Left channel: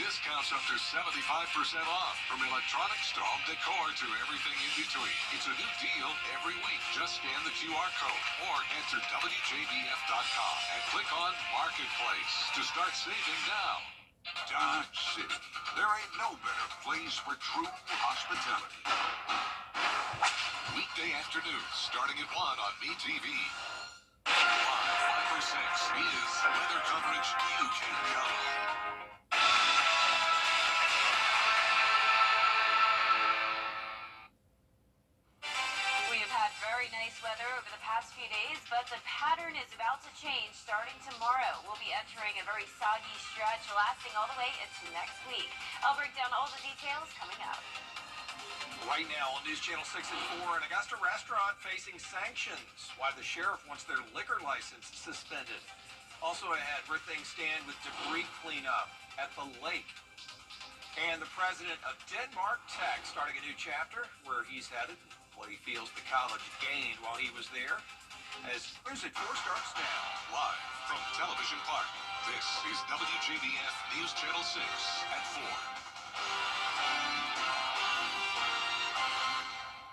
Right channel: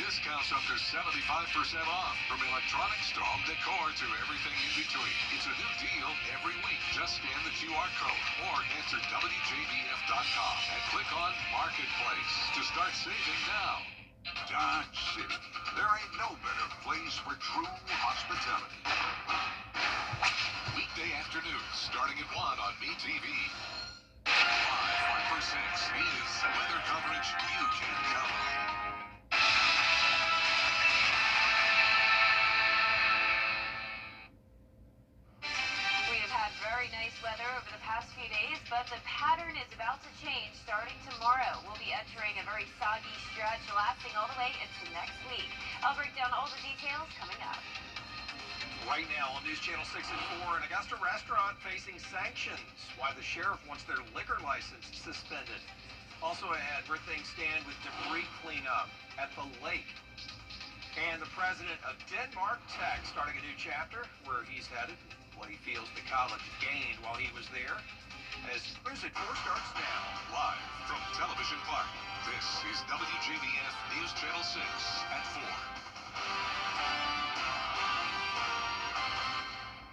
Discounts up to 75% off, from electronics to home decor to everything in between. It's a new deal every week. Just scan the QR code or enter WJBF.com and click on Marketplace to start saving now. Dodge City. There ain't no better place for true hospitality. Weekday afternoons starting at 1 on MeTV. Live 5 for 6 is weather coverage you can count on. Weather over the past few days, but the pattern is about to change starting tomorrow. We'll be entering a very soggy stretch lasting all the way into next week. I'll break down all the details coming up. Right now on News Channel 6 and 4, an Augusta restaurant facing sanctions. Why the sheriff wants their liquor license suspended. Also ahead, where things stand with debris cleanup at the lake. And the president of Denmark Tech starting a new chapter where he's headed. What he feels the college gained while he was there. As News at 4 starts now. Live from Television Park, this is WJBF News Channel 6 at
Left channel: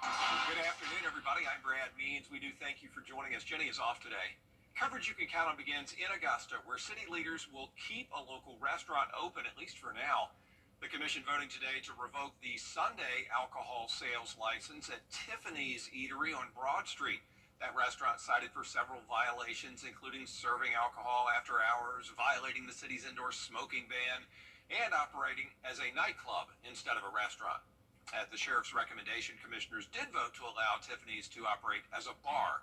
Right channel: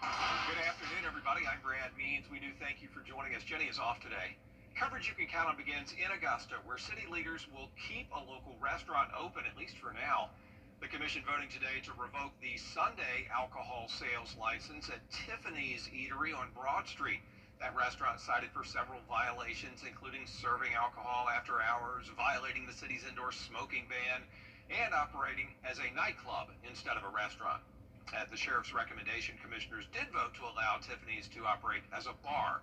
4. Good afternoon, everybody. I'm Brad Means. We do thank you for joining us. Jenny is off today. Coverage you can count on begins in Augusta, where city leaders will keep a local restaurant open, at least for now. The commission voting today to revoke the Sunday alcohol sales license at Tiffany's Eatery on Broad Street. That restaurant cited for several violations, including serving alcohol after hours, violating the city's indoor smoking ban, and operating as a nightclub instead of a restaurant. At the sheriff's recommendation, commissioners did vote to allow Tiffany's to operate as a bar,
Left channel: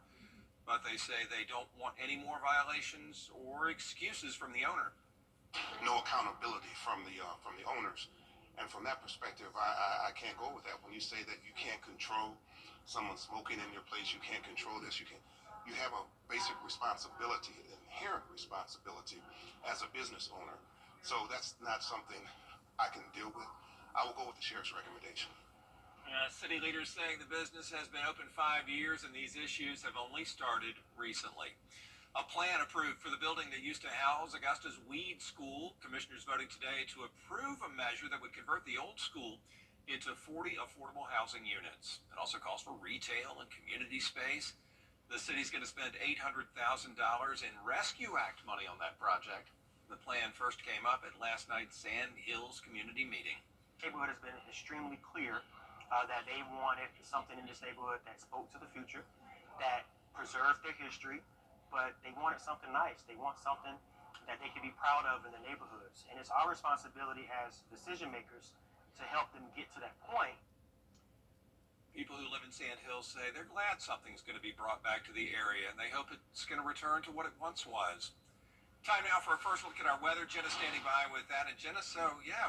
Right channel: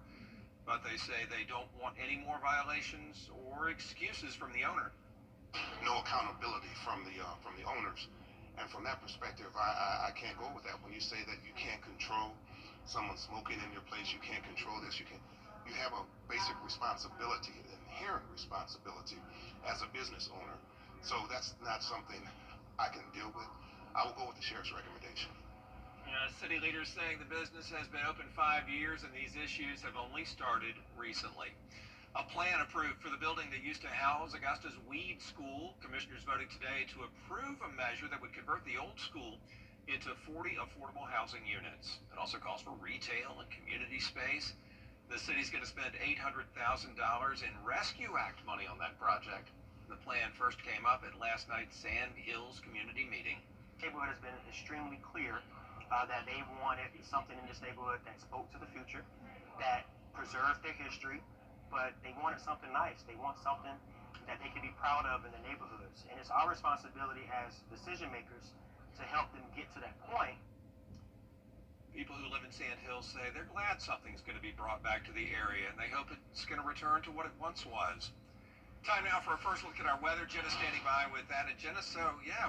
but they say they don't want any more violations or excuses from the owner. No accountability from the owners, and from that perspective, I can't go with that. When you say that you can't control someone smoking in your place, you can't control this. You have a basic responsibility, an inherent responsibility as a business owner. So that's not something I can deal with. I will go with the sheriff's recommendation. City leaders saying the business has been open 5 years and these issues have only started recently. A plan approved for the building that used to house Augusta's Weed School. Commissioners voting today to approve a measure that would convert the old school into 40 affordable housing units. It also calls for retail and community space. The city's going to spend $800,000 in Rescue Act money on that project. The plan first came up at last night's Sand Hills community meeting. The neighborhood has been extremely clear that they wanted something in this neighborhood that spoke to the future, that preserved their history, but they wanted something nice. They want something that they can be proud of in the neighborhoods. And it's our responsibility as decision makers to help them get to that point. People who live in Sand Hills say they're glad something's going to be brought back to the area, and they hope it's going to return to what it once was. Time now for a first look at our weather. Jenna standing by with that. And Jenna,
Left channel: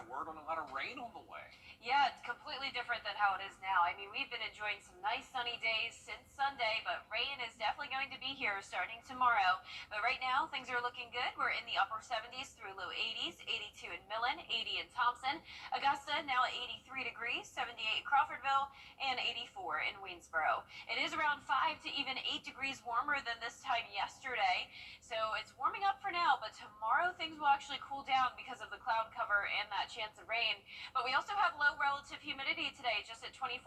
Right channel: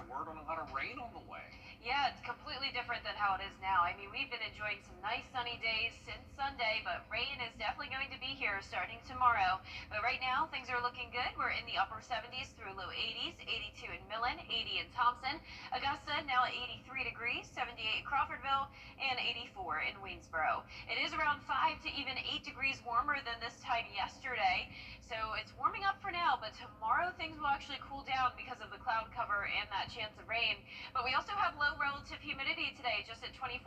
word on a lot of rain on the way. Yeah, it's completely different than how it is now. I mean, we've been enjoying some nice sunny days since Sunday, but rain is definitely going to be here starting tomorrow. But right now, things are looking good. We're in the upper 70s through low 80s, 82 in Millen, 80 in Thompson. Augusta now at 83 degrees, 78 in Crawfordville, and 84 in Waynesboro. It is around 5 to even 8 degrees warmer than this time yesterday. So it's warming up for now, but tomorrow things will actually cool down because of the cloud cover and that chance of rain. But we also have low relative humidity today, just at 24%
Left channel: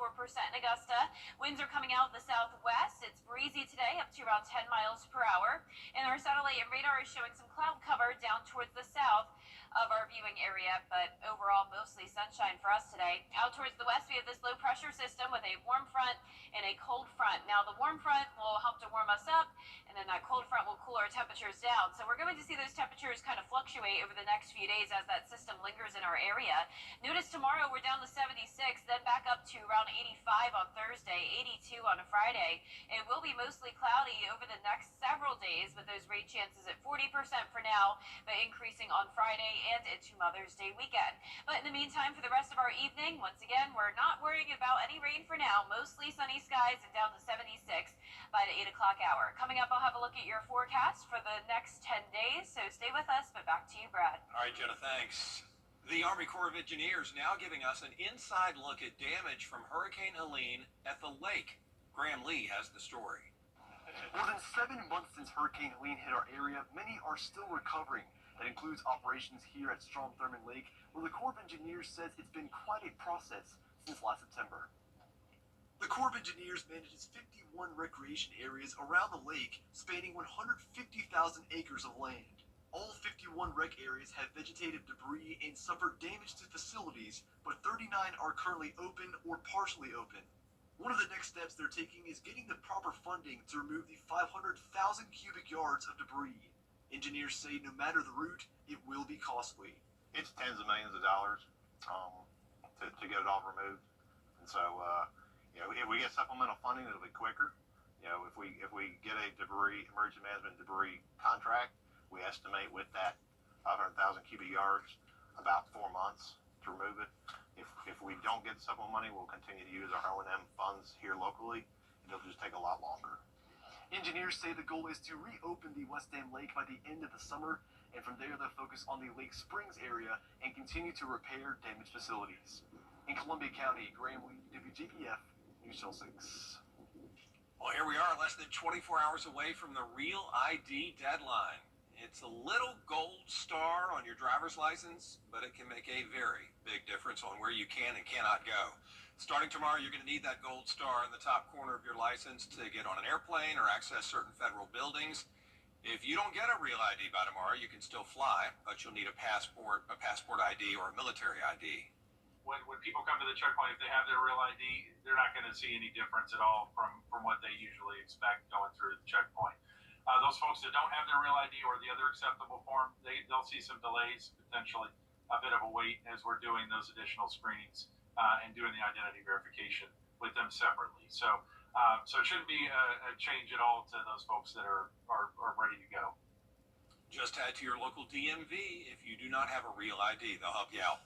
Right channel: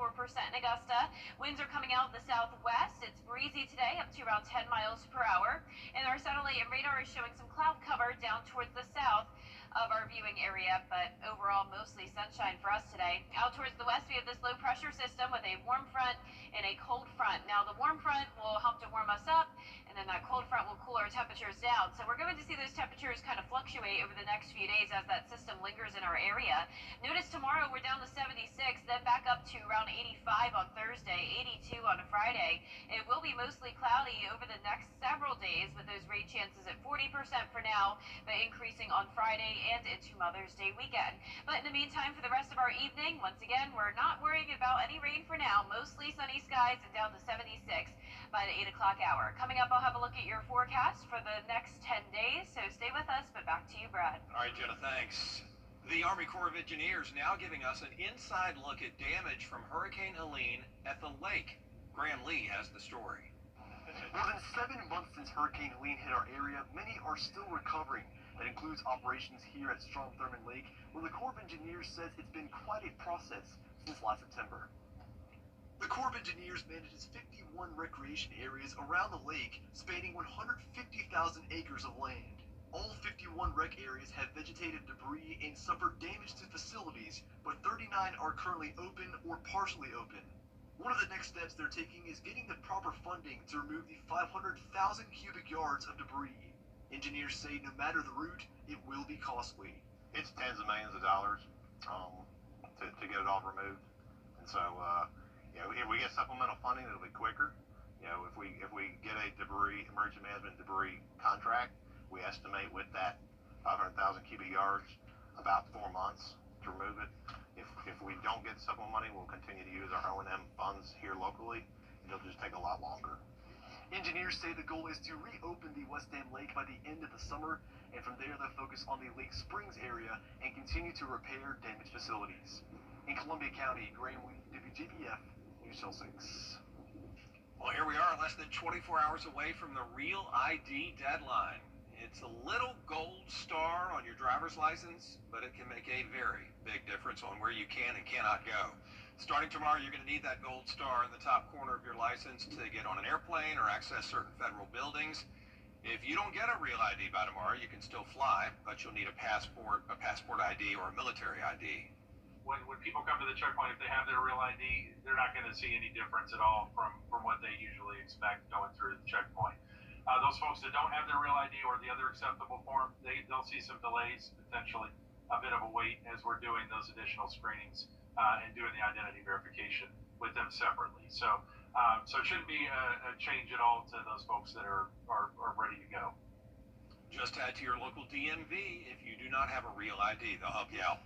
in Augusta. Winds are coming out of the southwest. It's breezy today, up to around 10 miles per hour. And our satellite and radar is showing some cloud cover down towards the south of our viewing area, but overall mostly sunshine for us today. Out towards the west, we have this low pressure system with a warm front and a cold front. Now the warm front will help to warm us up, and then that cold front will cool our temperatures down. So we're going to see those temperatures kind of fluctuate over the next few days as that system lingers in our area. Notice tomorrow we're down to 76, then back up to around 85 on Thursday, 82 on Friday. It will be mostly cloudy over the next several days with those rain chances at 40% for now, but increasing on Friday and into Mother's Day weekend. But in the meantime, for the rest of our evening, once again, we're not worrying about any rain for now. Mostly sunny skies and down to 76 by the 8 o'clock hour. Coming up, I'll have a look at your forecast for the next 10 days, so stay with us, but back to you, Brad. All right, Jenna, thanks. The Army Corps of Engineers now giving us an inside look at damage from Hurricane Helene at the lake. Graham Lee has the story. More than 7 months since Hurricane Helene hit our area, many are still recovering. That includes operations here at Strom Thurmond Lake, where the Corps of Engineers says it's been quite a process since last September. The Corps of Engineers manages 51 recreation areas around the lake, spanning 150,000 acres of land. All 51 rec areas have vegetative debris and suffered damage to facilities, but 39 are currently open or partially open. One of the next steps they're taking is getting the proper funding to remove the 500,000 cubic yards of debris. Engineers say no matter the route, it will be costly. It's tens of millions of dollars to get it all removed. And so, if we get supplemental funding, it'll be quicker. If we get a emergency management debris contract, we estimate with that 500,000 cubic yards about 4 months to remove it. If we don't get supplemental money, we'll continue to use our O&M funds here locally. It'll just take a lot longer. Engineers say the goal is to reopen the West Dam Lake by the end of the summer, and from there they'll focus on the Lake Springs area and continue to repair damaged facilities. In Columbia County, Graham Lee, WJBF, News Channel 6. Well, here we are, less than 24 hours away from the Real ID deadline. It's a little gold star on your driver's license, but it can make a very big difference on where you can and cannot go. Starting tomorrow, you're going to need that gold star in the top corner of your license to get on an airplane or access certain federal buildings. If you don't get a Real ID by tomorrow, you can still fly, but you'll need a passport ID or a military ID. When people come to the checkpoint, if they have their Real ID, they're not going to see any difference at all from what they usually expect going through the checkpoint. Those folks that don't have their Real ID or the other acceptable form, they'll see some delays, potentially a bit of a wait as we're doing those additional screenings and doing the identity verification with them separately. So it shouldn't be a change at all to those folks that are ready to go. Just head to your local DMV if you do not have a Real ID. They'll help you out.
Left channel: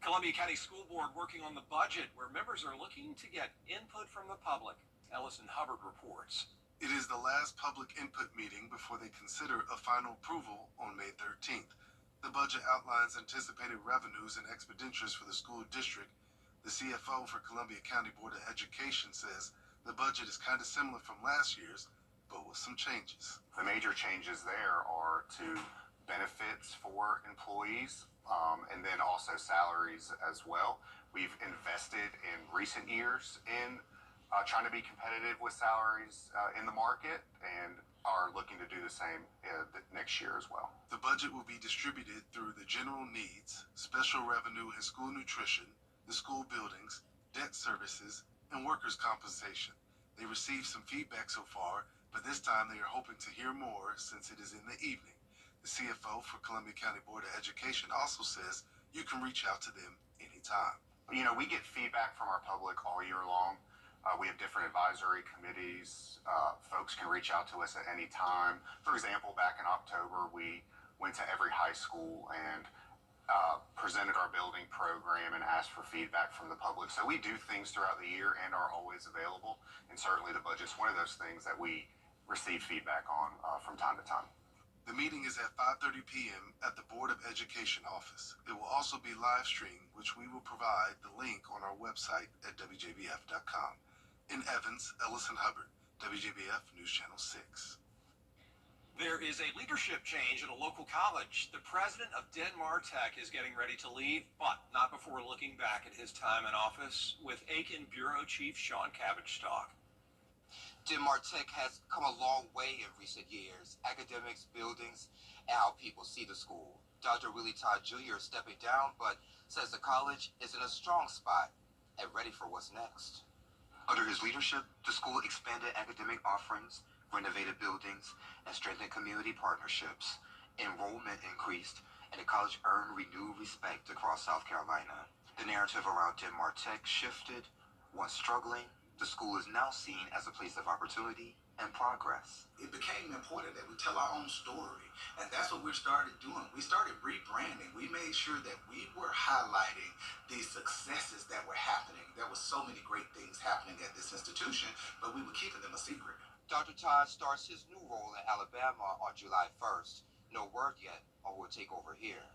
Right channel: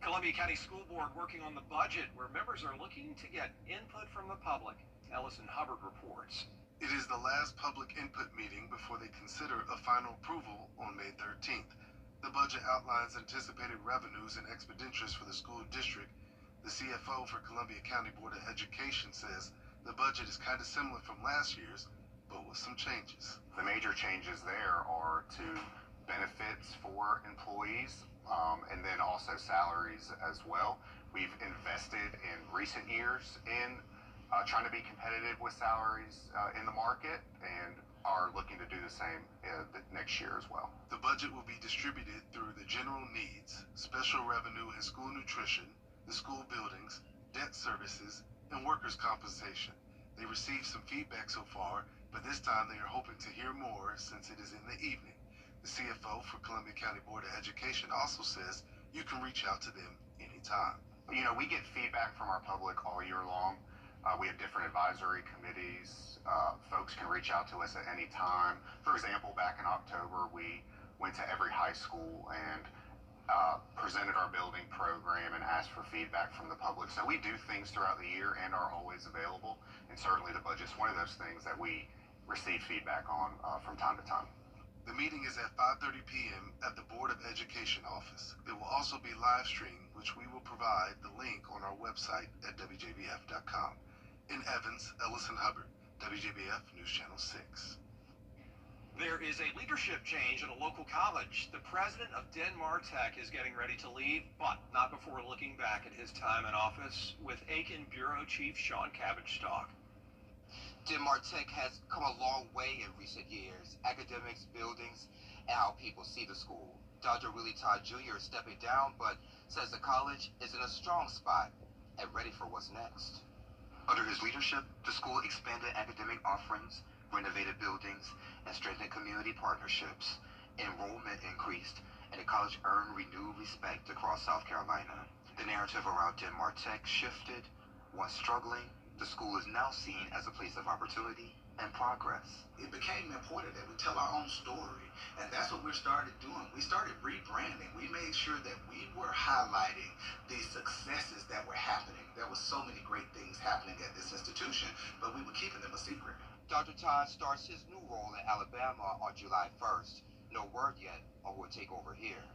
Columbia County School Board working on the budget where members are looking to get input from the public. Ellison Hubbard reports. It is the last public input meeting before they consider a final approval on May 13th. The budget outlines anticipated revenues and expenditures for the school district. The CFO for Columbia County Board of Education says the budget is kind of similar from last year's, but with some changes. The major changes there are to benefits for employees and then also salaries as well. We've invested in recent years in trying to be competitive with salaries in the market and are looking to do the same next year as well. The budget will be distributed through the general needs, special revenue and school nutrition, the school buildings, debt services, and workers' compensation. They received some feedback so far, but this time they are hoping to hear more since it is in the evening. The CFO for Columbia County Board of Education also says you can reach out to them anytime. We get feedback from our public all year long. We have different advisory committees. Folks can reach out to us at any time. For example, back in October, we went to every high school and presented our building program and asked for feedback from the public. So we do things throughout the year and are always available. And certainly the budget's one of those things that we receive feedback on from time to time. The meeting is at 5:30 p.m. at the Board of Education office. It will also be live streamed, which we will provide the link on our website at WJBF.com. In Evans, Ellison Hubbard, WJBF News Channel 6. There is a leadership change at a local college. The president of Denmark Tech is getting ready to leave, but not before looking back at his time in office with Aiken Bureau Chief Sean Cabbage-Stock. Denmark Tech has come a long way in recent years. Academics, buildings, and how people see the school. Dr. Willie Todd Jr. is stepping down, but says the college is in a strong spot and ready for what's next. Under his leadership, the school expanded academic offerings, renovated buildings, and strengthened community partnerships. Enrollment increased, and the college earned renewed respect across South Carolina. The narrative around Denmark Tech shifted. Once struggling, the school is now seen as a place of opportunity and progress. It became important that we tell our own story, and that's what we started doing. We started rebranding. We made sure that we were highlighting the successes that were happening. There were so many great things happening at this institution, but we were keeping them a secret. Dr. Todd starts his new role in Alabama on July 1st. No word yet on who will take over here.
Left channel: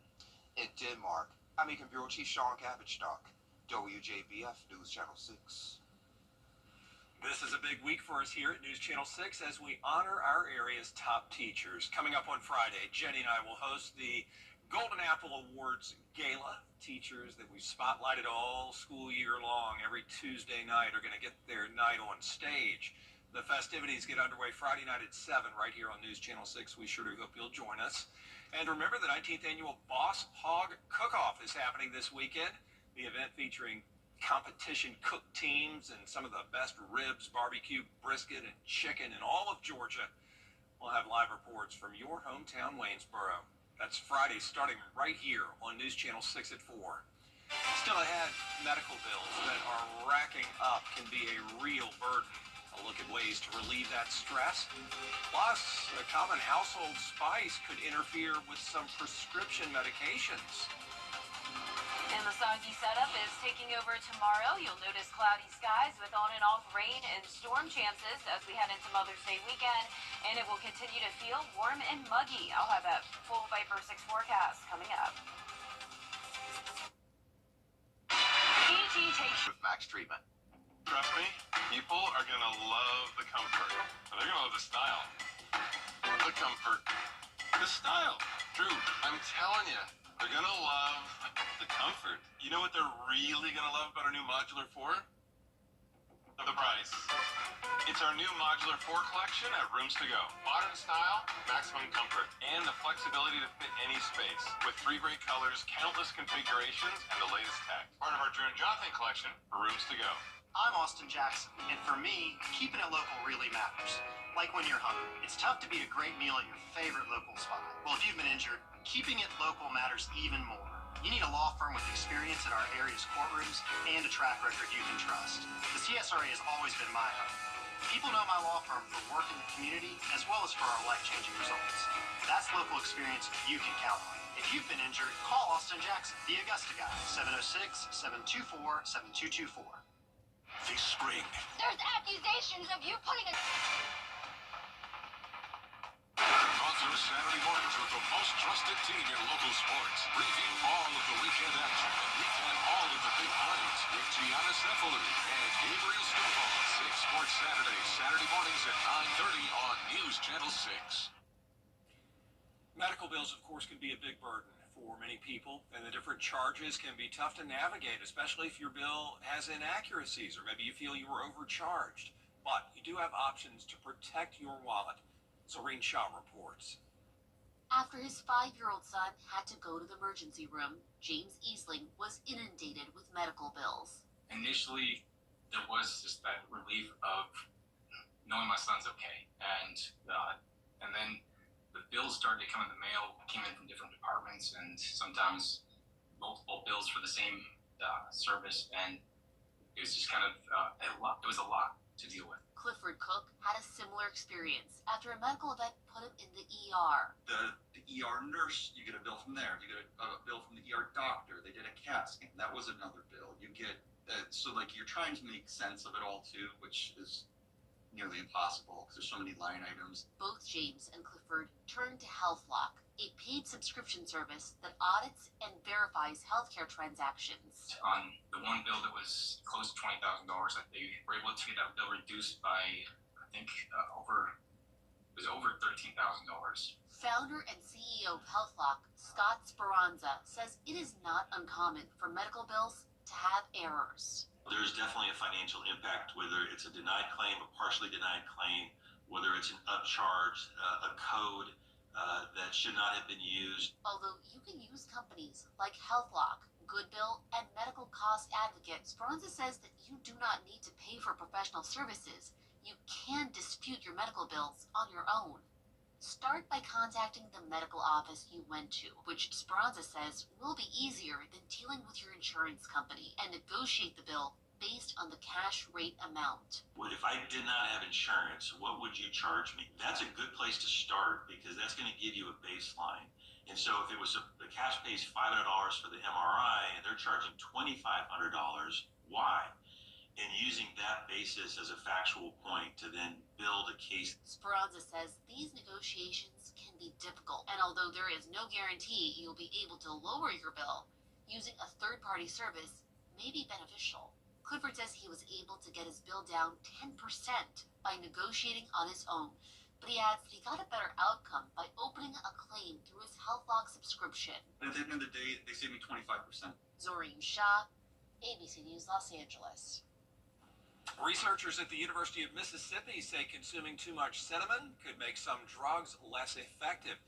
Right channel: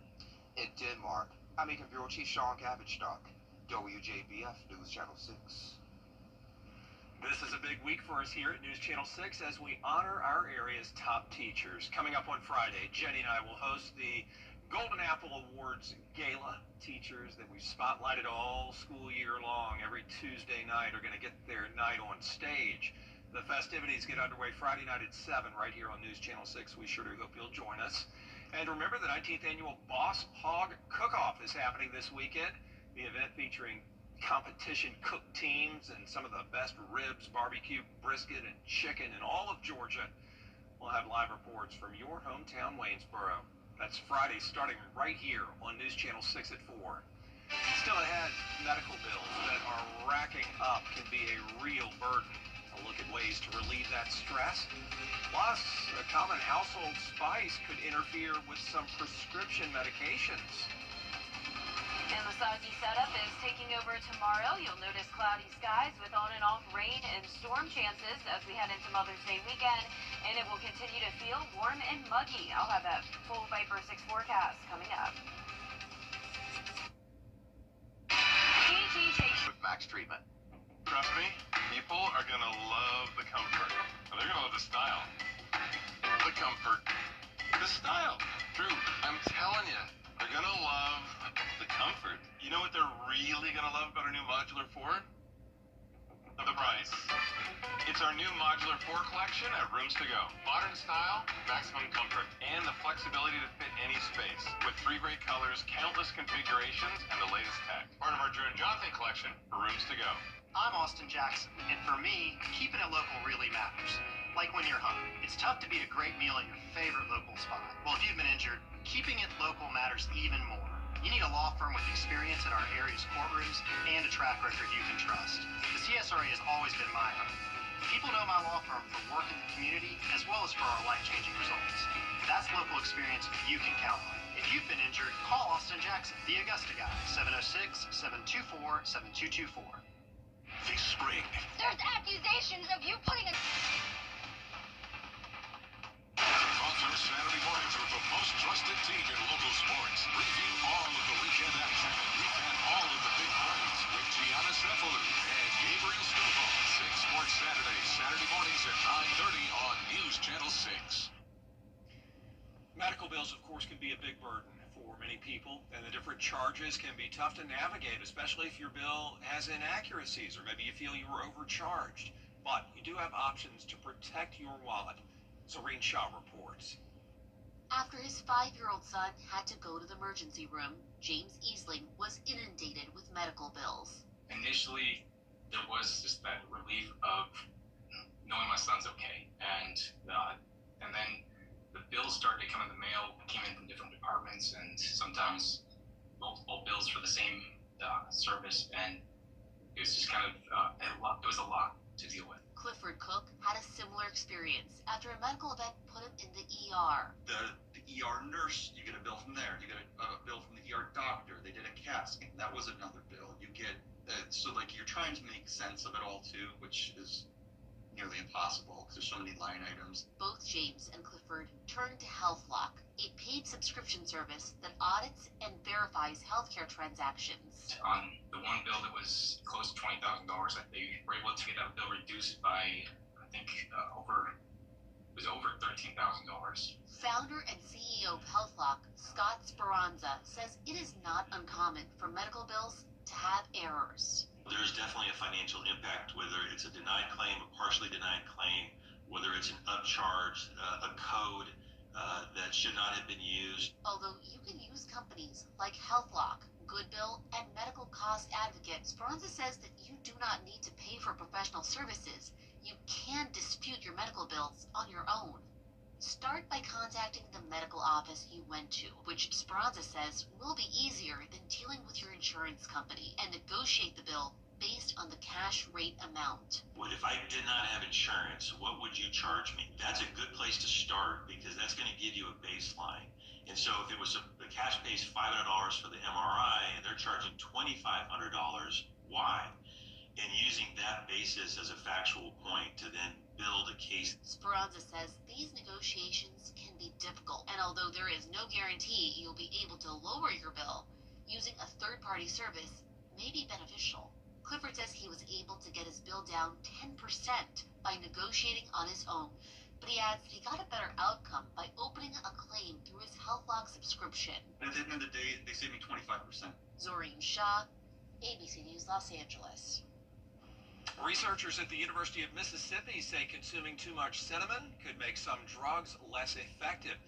In Denmark, I'm Aiken Bureau Chief Sean Cabbage-Stock, WJBF News Channel 6. This is a big week for us here at News Channel 6 as we honor our area's top teachers. Coming up on Friday, Jenny and I will host the Golden Apple Awards Gala. Teachers that we've spotlighted all school year long every Tuesday night are going to get their night on stage. The festivities get underway Friday night at 7 right here on News Channel 6. We sure do hope you'll join us. And remember, the 19th annual Boss Hog Cook-Off is happening this weekend. The event featuring competition cook teams and some of the best ribs, barbecue, brisket, and chicken in all of Georgia. We'll have live reports from your hometown, Waynesboro. That's Friday, starting right here on News Channel 6 at 4. Still ahead, medical bills that are racking up can be a real burden. A look at ways to relieve that stress. Plus, a common household spice could interfere with some prescription medications. And the soggy setup is taking over tomorrow. You'll notice cloudy skies with on and off rain and storm chances as we head into Mother's Day weekend. And it will continue to feel warm and muggy. I'll have a full Viper 6 forecast coming up. ET takes with Max Treatment. Trust me, people are going to love the comfort. But they're going to love the style. The comfort. The style. Drew, I'm telling you, they're going to love the comfort. You know what they're really going to love about our new Modular 4? The price. It's our new Modular 4 collection at Rooms to Go. Modern style, maximum comfort, and the flexibility to fit any space. With 3 great colors, countless configurations, and the latest tech. Part of our Drew and Jonathan collection for Rooms to Go. I'm Austin Jackson, and for me, keeping it local really matters. Like when you're hungry, it's tough to beat a great meal at your favorite local spot. Well, if you've been injured, keeping it local matters even more. You need a law firm with experience in our area's courtrooms and a track record you can trust. The CSRA has always been my home. People know my law firm for work in the community as well as for our life-changing results. That's local experience you can count on. If you've been injured, call Austin Jackson, the Augusta guy, 706-724-7224. This spring, there's accusations of you putting a... Author Saturday mornings with the most trusted team in local sports. Preview all of the weekend action and recap all of the big plays with Gianna Cefalu and Gabriel Stovall. 6 Sports Saturday, Saturday mornings at 9:30 on News Channel 6. Medical bills, of course, can be a big burden for many people, and the different charges can be tough to navigate, especially if your bill has inaccuracies or maybe you feel you were overcharged. But you do have options to protect your wallet. Serene Shaw reports. After his 5-year-old son had to go to the emergency room, James Easling was inundated with medical bills. Initially, there was just that relief of knowing my son's okay, and then the bills started to come in the mail, came in from different departments, and sometimes multiple bills for the same service, and it was just kind of a lot. It was a lot to deal with. Clifford Cook had a similar experience after a medical event put him in the ER. The ER nurse, you get a bill from there. You get a bill from the ER doctor. They did a CAT scan. That was another bill. You get, so like you're trying to make sense of it all too, which is nearly impossible because there's so many line items. Both James and Clifford turned to HealthLock, a paid subscription service that audits and verifies healthcare transactions. On the one bill that was close to $20,000, they were able to get that bill reduced by, I think, over $13,000. Founder and CEO of HealthLock, Scott Speranza, says it is not uncommon for medical bills to have errors. There's definitely a financial impact, whether it's a denied claim, a partially denied claim, whether it's an upcharge, a code that should not have been used. Although you can use companies like HealthLock, Goodbill, and Medical Cost Advocate, Speranza says that you do not need to pay for professional services. You can dispute your medical bills on your own. Start by contacting the medical office you went to, which Speranza says will be easier than dealing with your insurance company, and negotiate the bill based on the cash rate amount. What if I did not have insurance? What would you charge me? That's a good place to start because that's going to give you a baseline. And so if it was the cash pays $500 for the MRI and they're charging $2,500, why? And using that basis as a factual point to then build a case. Speranza says these negotiations can be difficult, and although there is no guarantee you'll be able to lower your bill, using a third-party service may be beneficial. Clifford says he was able to get his bill down 10% by negotiating on his own, but he adds that he got a better outcome by opening a claim through his HealthLock subscription. And at the end of the day, they saved me 25%. Zoreen Shah, ABC News, Los Angeles. Researchers at the University of Mississippi say consuming too much cinnamon could make some drugs less effective.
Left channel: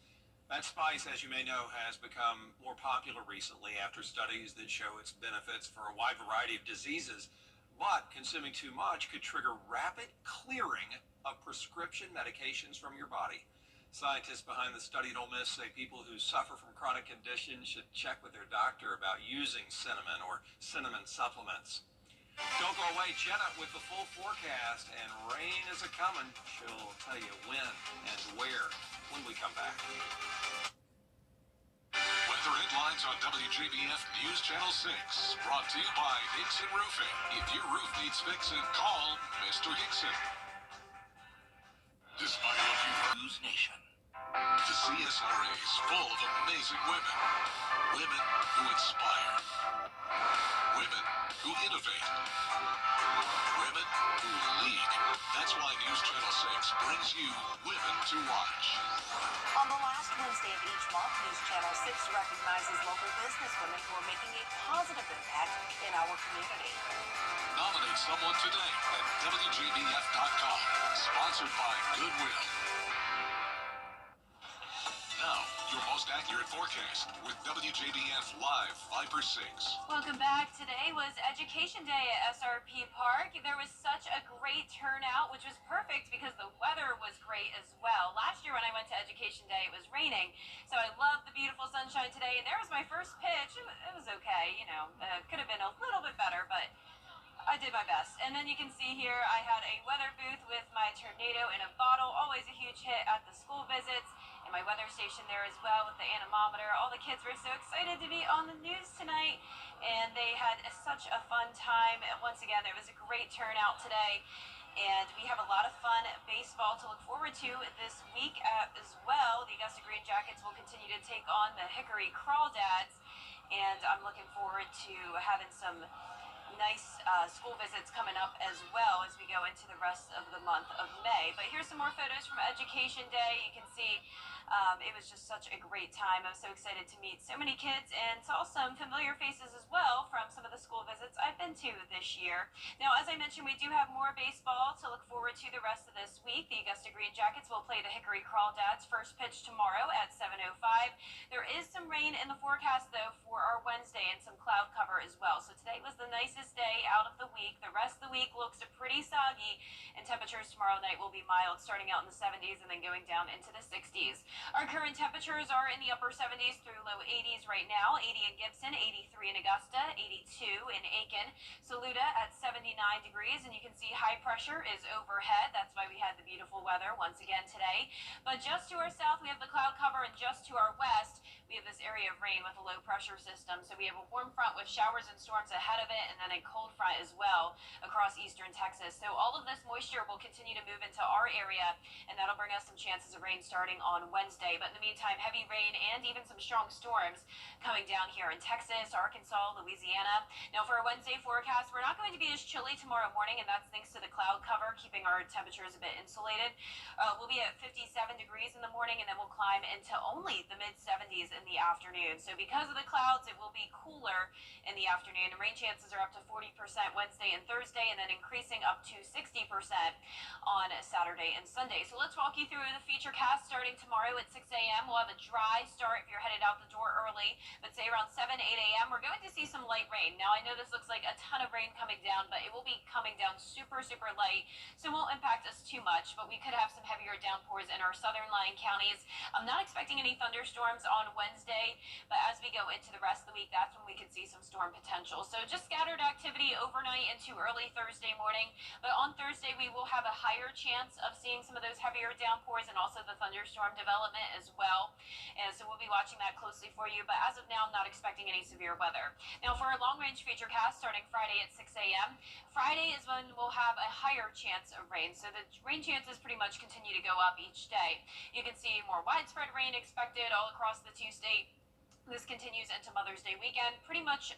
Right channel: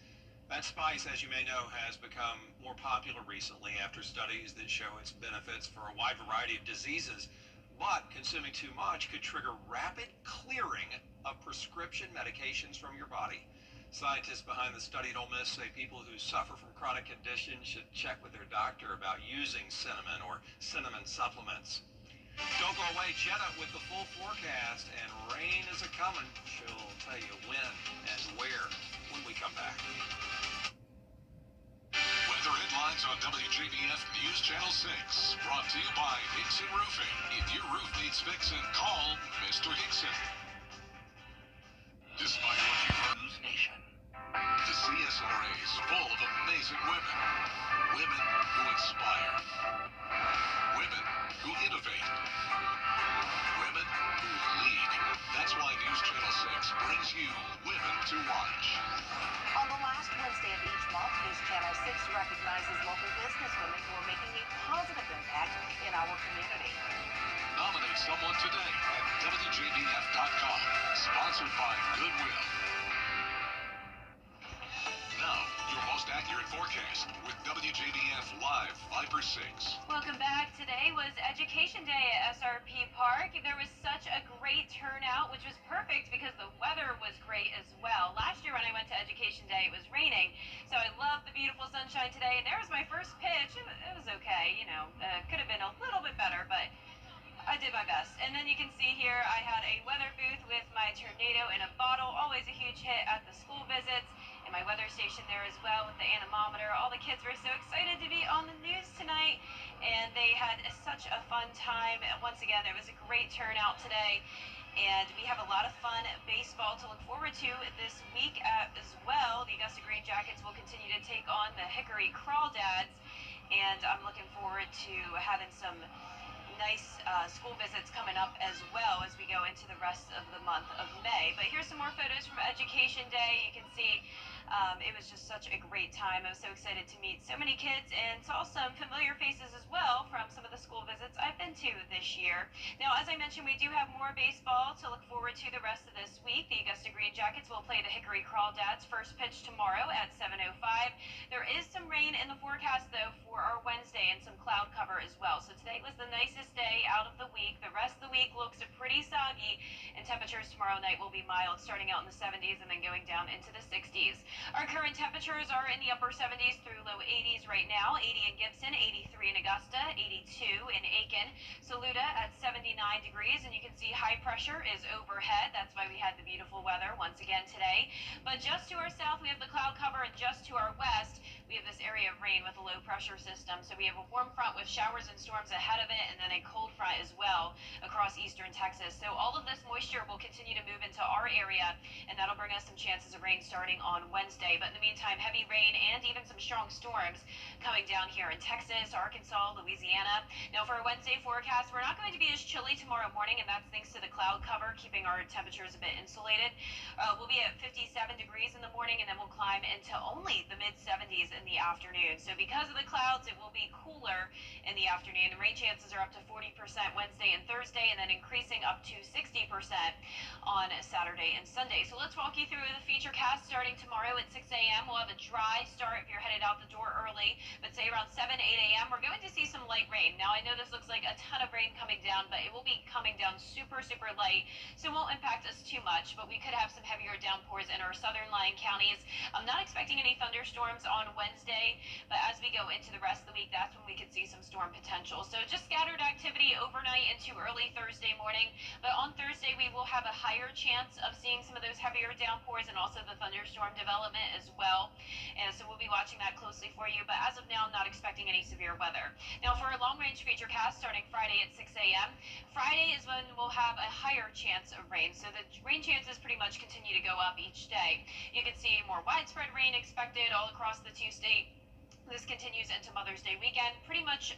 That spice, as you may know, has become more popular recently after studies that show its benefits for a wide variety of diseases. But consuming too much could trigger rapid clearing of prescription medications from your body. Scientists behind the study at Ole Miss say people who suffer from chronic conditions should check with their doctor about using cinnamon or cinnamon supplements. Don't go away, Jenna, with the full forecast, and rain is a-coming. She'll tell you when and where when we come back. Weather headlines on WJBF News Channel 6, brought to you by Hickson Roofing. If your roof needs fixing, call Mr. Hickson. Despite what you've heard, News Nation. The CSRA is full of amazing women. Women who inspire. Women who innovate. Women who lead. That's why News Channel 6 brings you Women to Watch. On the last Wednesday of each month, News Channel 6 recognizes local businesswomen who are making a positive impact in our community. Nominate someone today at WJBF.com. Sponsored by Goodwill. Now, your most accurate forecast with WJBF Live 5/6. Welcome back. Today was Education Day at SRP Park. There was such a great turnout, which was perfect because the weather was great as well. Last year when I went to Education Day, it was raining, so I loved the beautiful sunshine today, and there was my first pitch. It was okay, you know, could have been a little bit better, but I did my best. And then you can see here I had a weather booth with my tornado in a bottle, always a huge hit at the school visits, and my weather station there as well with the anemometer. All the kids were so excited to be on the news tonight, and they had such a fun time. Once again, there was a great turnout today, and we have a lot of fun baseball to look forward to this week as well. The Augusta Green Jackets will continue to take on the Hickory Crawdads, and I'm looking forward to having some nice school visits coming up as well as we go into the rest of the month of May. But here's some more photos from Education Day. You can see it was just such a great time. I was so excited to meet so many kids and saw some familiar faces as well from some of the school visits I've been to this year. Now, as I mentioned, we do have more baseball to look forward to the rest of this week. The Augusta Green Jackets will play the Hickory Crawdads. First pitch tomorrow at 7:05. There is some rain in the forecast, though, for our Wednesday and some cloud cover as well. So today was the nicest day out of the week. The rest of the week looks pretty soggy, and temperatures tomorrow night will be mild, starting out in the 70s and then going down into the 60s. Our current temperatures are in the upper 70s through low 80s right now. 80 in Gibson, 83 in Augusta, 82 in Aiken, Saluda at 79 degrees, and you can see high pressure is overhead. That's why we had the beautiful weather once again today. But just to our south, we have the cloud cover, and just to our west, we have this area of rain with a low pressure system. So we have a warm front with showers and storms ahead of it, and then a cold front as well across eastern Texas. So all of this moisture will continue to move into our area, and that'll bring us some chances of rain starting on Wednesday. But in the meantime, heavy rain and even some strong storms coming down here in Texas, Arkansas, Louisiana. Now for our Wednesday forecast, we're not going to be as chilly tomorrow morning, and that's thanks to the cloud cover, keeping our temperatures a bit insulated. We'll be at 57 degrees in the morning, and then we'll climb into only the mid-70s in the afternoon. So because of the clouds, it will be cooler in the afternoon. The rain chances are up to 40% Wednesday and Thursday, and then increasing up to 60% on Saturday and Sunday. So let's walk you through the feature cast starting tomorrow at 6 a.m. We'll have a dry start if you're headed out the door early, but say around 7, 8 a.m. we're going to see some light rain. Now I know this looks like a ton of rain coming down, but it will be coming down super, super light, so it won't impact us too much, but we could have some heavier downpours in our southern lying counties. I'm not expecting any thunderstorms on Wednesday, but as we go into the rest of the week, that's when we could see some storm potential. So just scattered activity overnight into early Thursday morning, but on Thursday we will have a higher chance of seeing some of those heavier downpours and also the thunderstorm development as well. And so we'll be watching that closely for you, but as of now, I'm not expecting any severe weather. Now for our long-range feature cast starting Friday at 6 a.m., Friday is when we'll have a higher chance of rain. So the rain chances pretty much continue to go up each day. You can see more widespread rain expected all across the two-state. This continues into Mother's Day weekend. Pretty much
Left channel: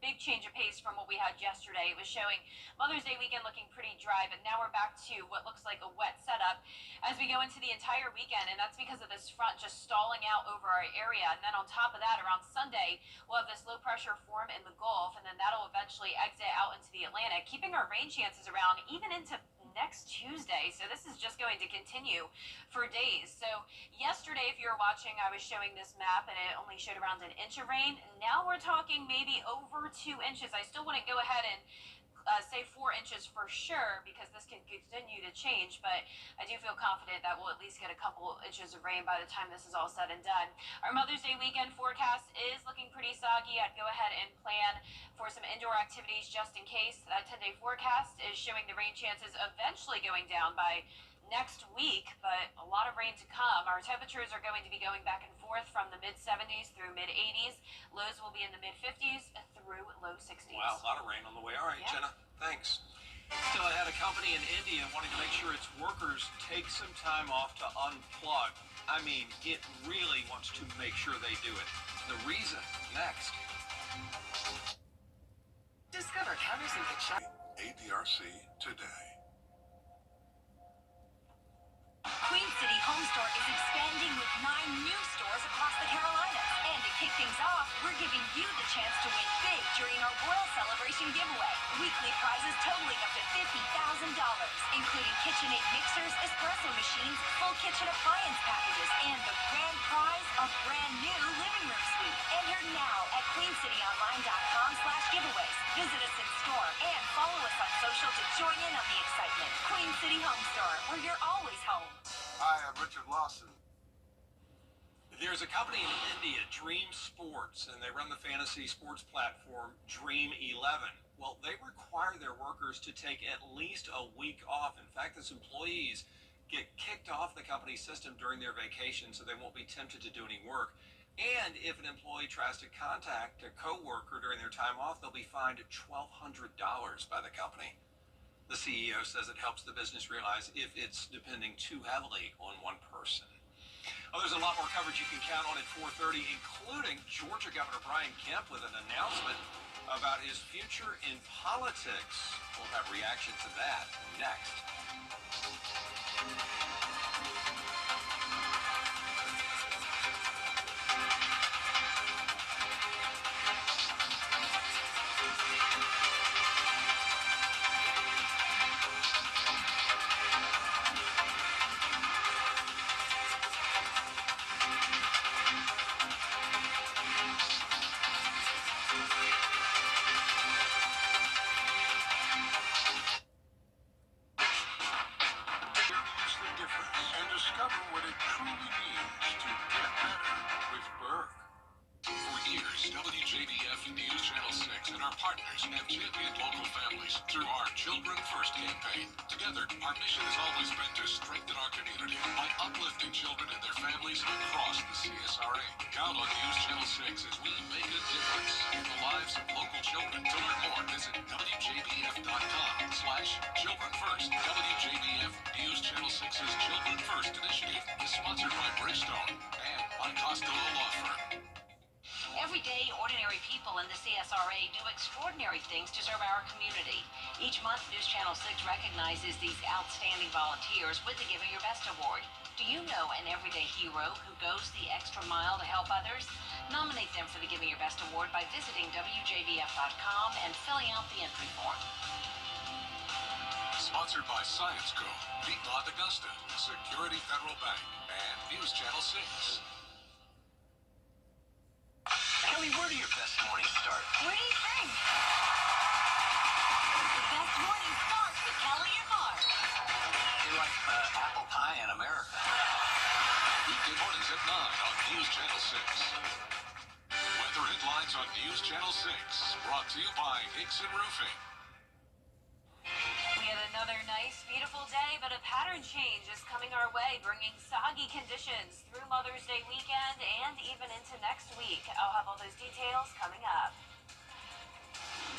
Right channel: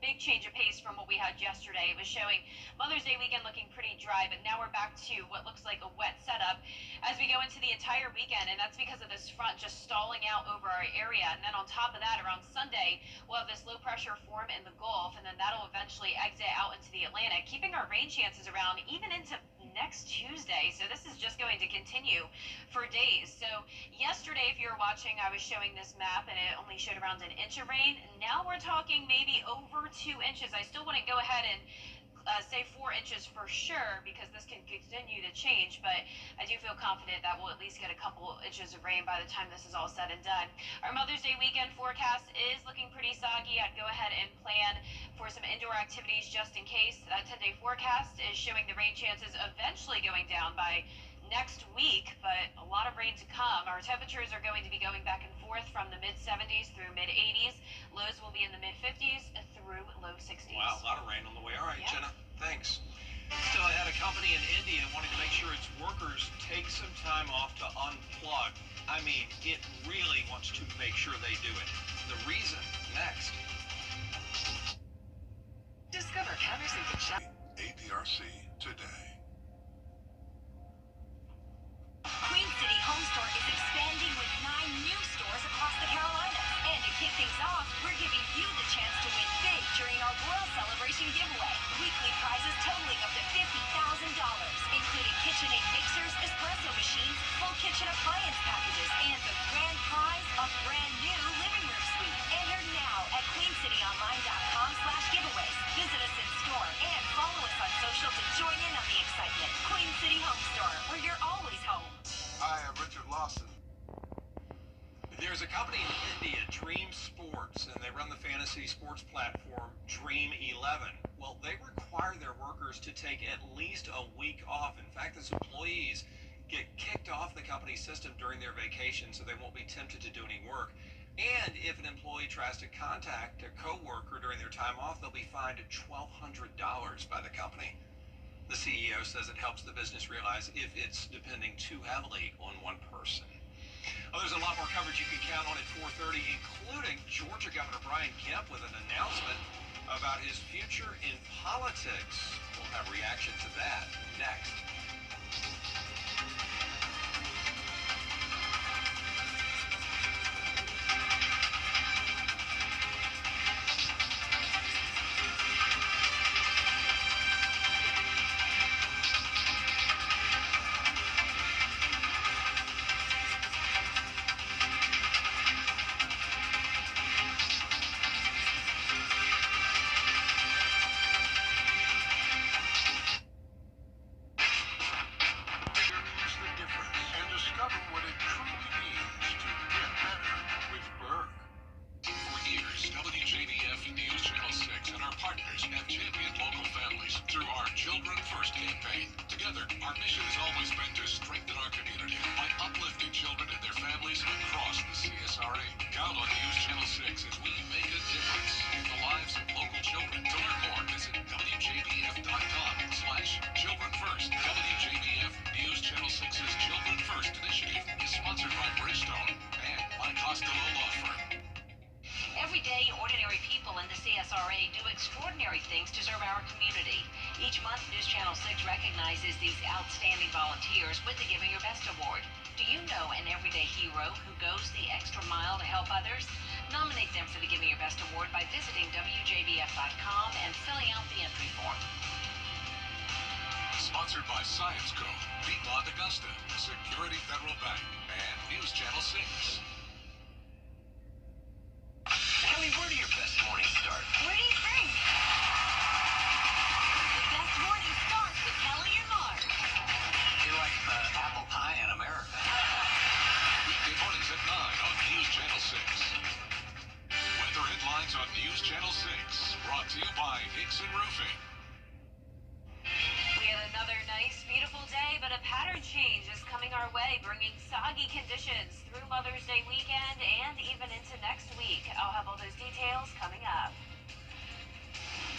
big change of pace from what we had yesterday. It was showing Mother's Day weekend looking pretty dry, but now we're back to what looks like a wet setup as we go into the entire weekend, and that's because of this front just stalling out over our area. And then on top of that, around Sunday, we'll have this low pressure form in the Gulf, and then that'll eventually exit out into the Atlantic, keeping our rain chances around even into next Tuesday. So this is just going to continue for days. So yesterday, if you were watching, I was showing this map and it only showed around an inch of rain. Now we're talking maybe over 2 inches. I still wouldn't go ahead and say 4 inches for sure, because this can continue to change, but I do feel confident that we'll at least get a couple inches of rain by the time this is all said and done. Our Mother's Day weekend forecast is looking pretty soggy. I'd go ahead and plan for some indoor activities just in case. That 10-day forecast is showing the rain chances eventually going down by next week, but a lot of rain to come. Our temperatures are going to be going back and forth from the mid-70s through mid-80s. Lows will be in the mid-50s through low 60s. Wow, a lot of rain on the way. All right, Yeah. Jenna, thanks. Still, I had a company in India wanting to make sure its workers take some time off to unplug. I mean, it really wants to make sure they do it. The reason, next. Discover countersuit shop. ADRC today. Queen City Home Store is expanding with 9 new stores across the Carolinas. And to kick things off, we're giving you the chance to win big during our Royal Celebration giveaway. Weekly prizes totaling up to $50,000, including KitchenAid mixers, espresso machines, full kitchen appliance packages, and the grand prize, a brand new living room suite. Enter now at queencityonline.com/giveaways. Visit us in store and follow us on social to join in on the excitement. Queen City Home Store, where you're always home. Hi, I'm Richard Lawson. There's a company in India, Dream Sports, and they run the fantasy sports platform Dream 11. Well, they require their workers to take at least a week off. In fact, its employees get kicked off the company system during their vacation, so they won't be tempted to do any work. And if an employee tries to contact a coworker during their time off, they'll be fined $1,200 by the company. The CEO says it helps the business realize if it's depending too heavily on one person. Oh, there's a lot more coverage you can count on at 4:30, including Georgia Governor Brian Kemp with an announcement about his future in politics. We'll have reaction to that next. WJBF and News Channel 6 and our partners have championed local families through our Children First campaign. Together, our mission has always been to strengthen our community by uplifting children and their families across the CSRA. Count on News Channel 6 as we make a difference in the lives of local children. To learn more, visit WJBF.com/Children First. WJBF News Channel 6's Children First initiative is sponsored by Bridgestone and by Costello Law Firm. Every day, ordinary people in the CSRA do extraordinary things to serve our community. Each month, News Channel 6 recognizes these outstanding volunteers with the Giving Your Best Award. Do you know an everyday hero who goes the extra mile to help others? Nominate them for the Giving Your Best Award by visiting WJBF.com and filling out the entry form. Sponsored by Science Co., Piedmont Augusta, Security Federal Bank, and News Channel 6. Kelly, where do your best mornings start? What do you think? The best morning starts with Kelly and Mark. You're like apple pie in America. Weekday mornings at 9 on News Channel 6. Weather headlines on News Channel 6, brought to you by Hickson Roofing. We had another nice, beautiful day, but a pattern change is coming our way, bringing soggy conditions through Mother's Day weekend and even into next week. I'll have all those details coming up.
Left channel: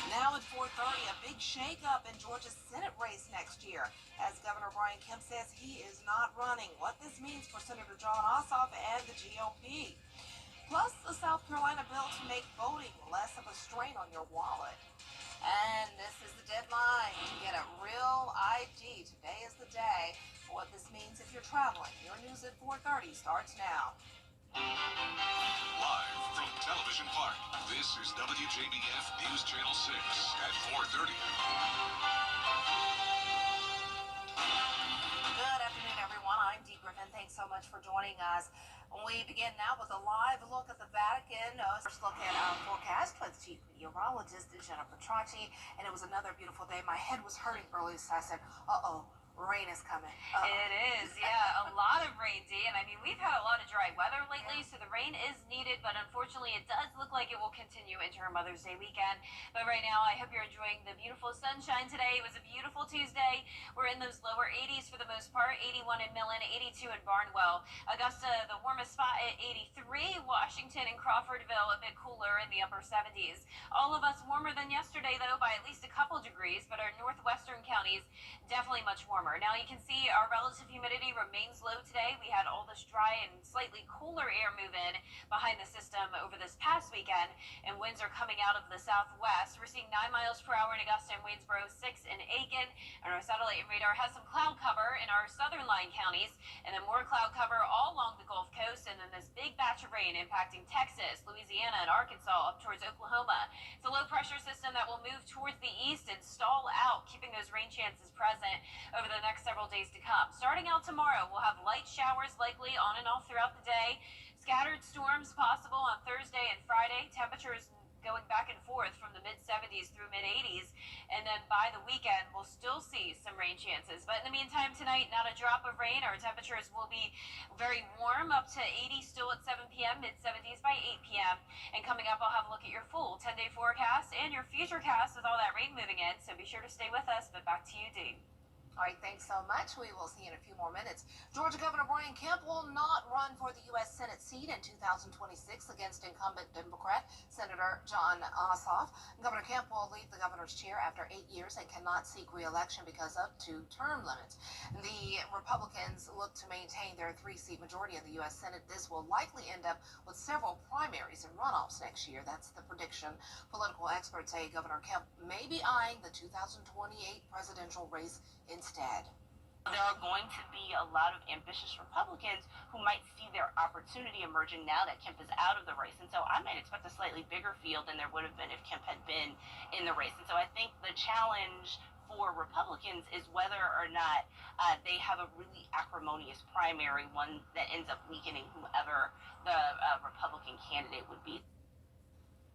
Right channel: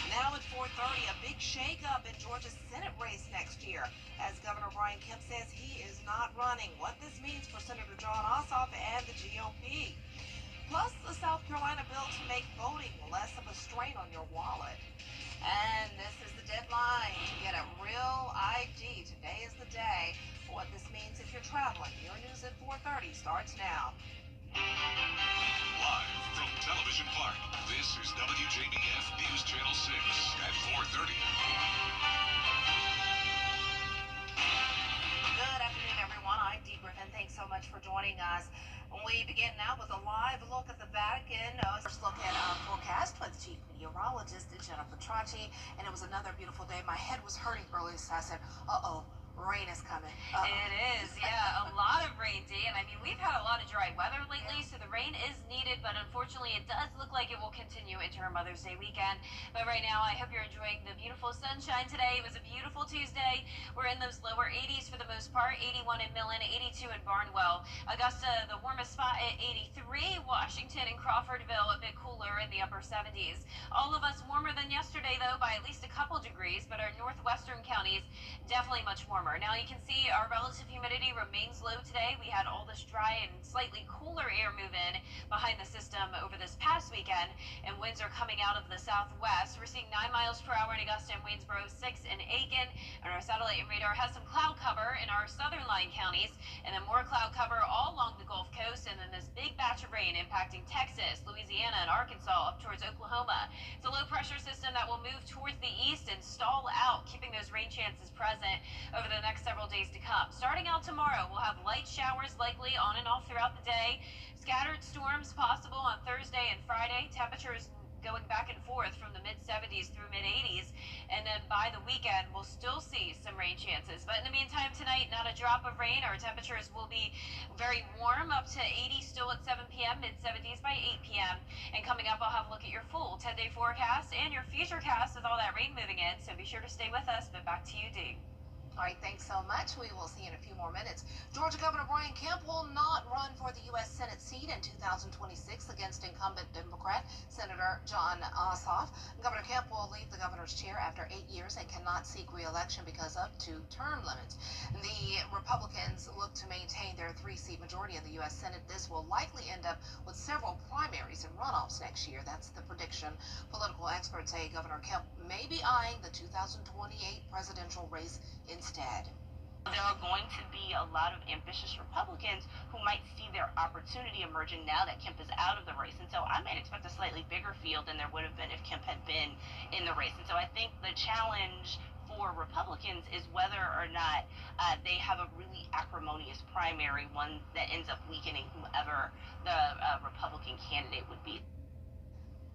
Now at 4:30, a big shakeup in Georgia's Senate race next year, as Governor Brian Kemp says he is not running. What this means for Senator John Ossoff and the GOP. plus a South Carolina bill to make voting less of a strain on your wallet. And this is the deadline to get a real ID. Today is the day. What this means if you're traveling. Your news at 4:30 starts now. Live from Television Park, this is WJBF News Channel 6 at 4:30. Good afternoon, everyone. I'm Dee Griffin. Thanks so much for joining us. We begin now with a live look at the Vatican. First look at our forecast with Chief Meteorologist Jennifer Tracci. And it was another beautiful day. My head was hurting earlier, so I said, uh-oh. Rain is coming. It is, yeah, a lot of rain, Dee. And I mean, we've had a lot of dry weather lately, so the rain is needed, but unfortunately it does look like it will continue into our Mother's Day weekend. But right now, I hope you're enjoying the beautiful sunshine today. It was a beautiful Tuesday. We're in those lower 80s for the most part, 81 in Millen, 82 in Barnwell. Augusta, the warmest spot at 83. Washington and Crawfordville, a bit cooler in the upper 70s. All of us warmer than yesterday, though, by at least a couple degrees, but our northwestern counties definitely much warmer. Now you can see our relative humidity remains low today. We had all this dry and slightly cooler air move in behind the system over this past weekend, and winds are coming out of the southwest. We're seeing 9 miles per hour in Augusta and Waynesboro, 6 in Aiken, and our satellite and radar has some cloud cover in our southern line counties, and then more cloud cover all along the Gulf Coast, and then this big batch of rain impacting Texas, Louisiana, and Arkansas up towards Oklahoma. It's a low pressure system that will move towards the east and stall out, keeping those rain chances present over the next several days to come. Starting out tomorrow, we'll have light showers likely on and off throughout the day. Scattered storms possible on Thursday and Friday. Temperatures going back and forth from the mid-70s through mid-80s. And then by the weekend, we'll still see some rain chances. But in the meantime, tonight, not a drop of rain. Our temperatures will be very warm, up to 80 still at 7 p.m., mid-70s by 8 p.m. And coming up, I'll have a look at your full 10-day forecast and your futurecast with all that rain moving in. So be sure to stay with us. But back to you, Dee. All right, thanks so much. We will see you in a few more minutes. Georgia Governor Brian Kemp will not run for the U.S. Senate seat in 2026 against incumbent Democrat Senator Jon Ossoff. Governor Kemp will leave the governor's chair after 8 years and cannot seek re-election because of 2 term limits. The Republicans look to maintain their 3-seat majority in the U.S. Senate. This will likely end up with several primaries and runoffs next year. That's the prediction. Political experts say Governor Kemp may be eyeing the 2028 presidential race instead. There are going to be a lot of ambitious Republicans who might see their opportunity emerging now that Kemp is out of the race. And so I might expect a slightly bigger field than there would have been if Kemp had been in the race. And so I think the challenge for Republicans is whether or not they have a really acrimonious primary, one that ends up weakening whoever the Republican candidate would be.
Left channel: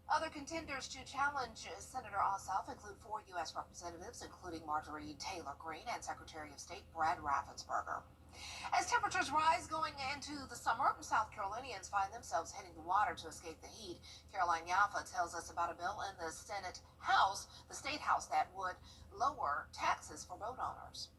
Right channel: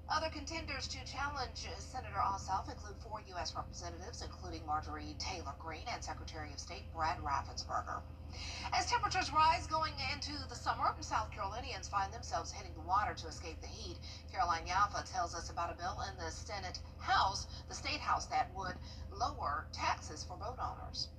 Other contenders to challenge Senator Ossoff include 4 U.S. representatives, including Marjorie Taylor Greene and Secretary of State Brad Raffensperger. As temperatures rise going into the summer, South Carolinians find themselves hitting the water to escape the heat. Caroline Yaffa tells us about a bill in the Senate House, the State House, that would lower taxes for boat owners.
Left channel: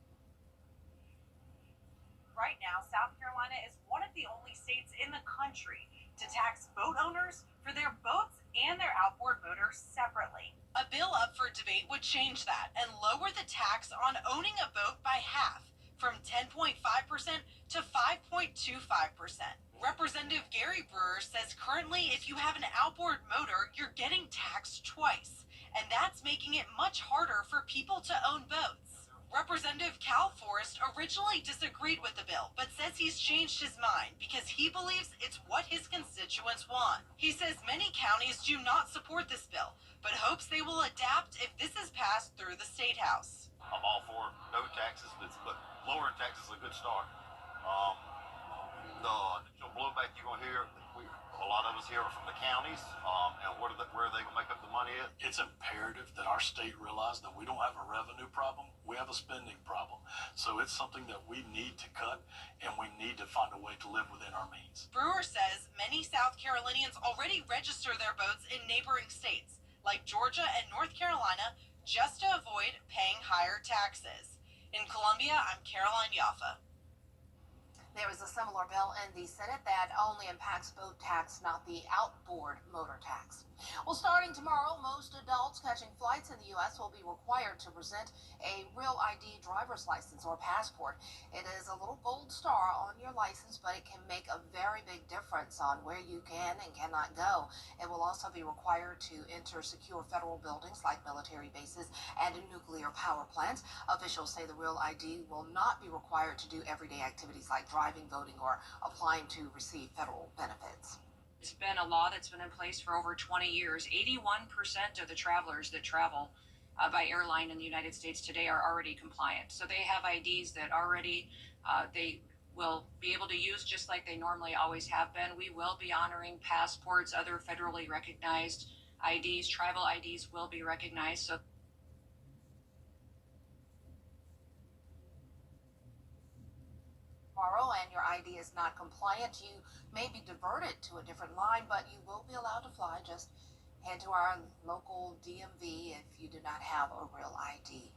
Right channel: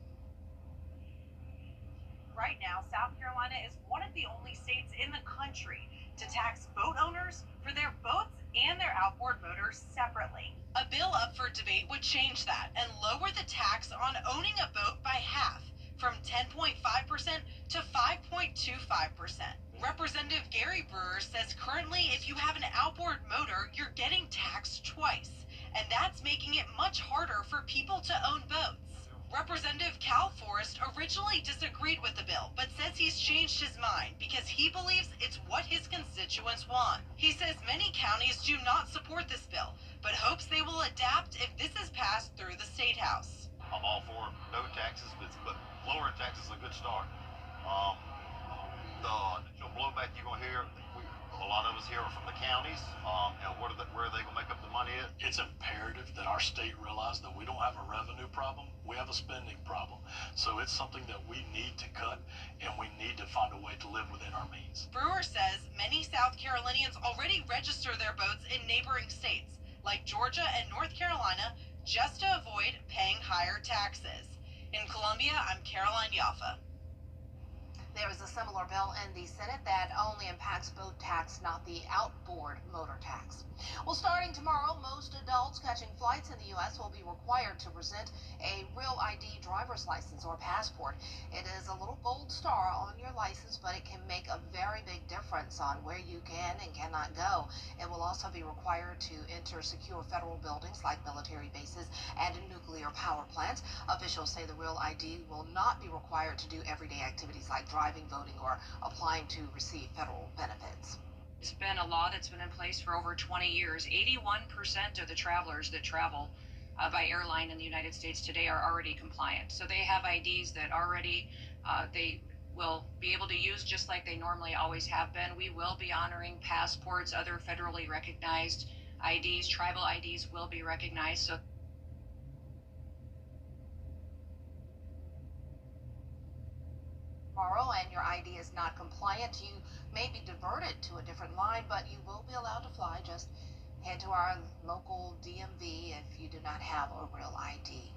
Right now, South Carolina is one of the only states in the country to tax boat owners for their boats and their outboard motors separately. A bill up for debate would change that and lower the tax on owning a boat by half, from 10.5% to 5.25%. Representative Gary Brewer says currently if you have an outboard motor, you're getting taxed twice, and that's making it much harder for people to own boats. Representative Cal Forrest originally disagreed with the bill, but says he's changed his mind because he believes it's what his constituents want. He says many counties do not support this bill, but hopes they will adapt if this is passed through the State House. I'm all for no taxes, but lowering taxes is a good start. The initial blowback you're going to hear, a lot of us here are from the counties, and where are they going to make up the money at? It's imperative that our state realize that we don't have a revenue problem, we have a spending problem. So it's something that we need to cut, and we need to find a way to live within our means. Brewer says many South Carolinians already register their boats in neighboring states, like Georgia and North Carolina, just to avoid paying higher taxes. In Columbia, I'm Caroline Yaffa. There is a similar bill in the Senate that only impacts boat tax, not the outboard motor tax. Well, starting tomorrow, most adults catching flights in the U.S. will be required to present a real ID driver's license or passport. It is a little gold star on your license, but it can make a very big difference on where you can and cannot go. It will also be required to enter secure federal buildings like military bases and nuclear power plants. Officials say the real ID will not be required to do everyday activities like driving, voting, or applying to receive federal benefits. It's been a law that's been in place for over 20 years. 81% of the travelers that travel by airline in the United States today are already compliant. So they have IDs that already they will be able to use just like they normally always have been. We will be honoring passports, other federally recognized IDs, tribal IDs will be recognized. So tomorrow and your ID is not compliant, you may be diverted to a different line, but you will be allowed to fly. Just head to our local DMV if you do not have a real ID.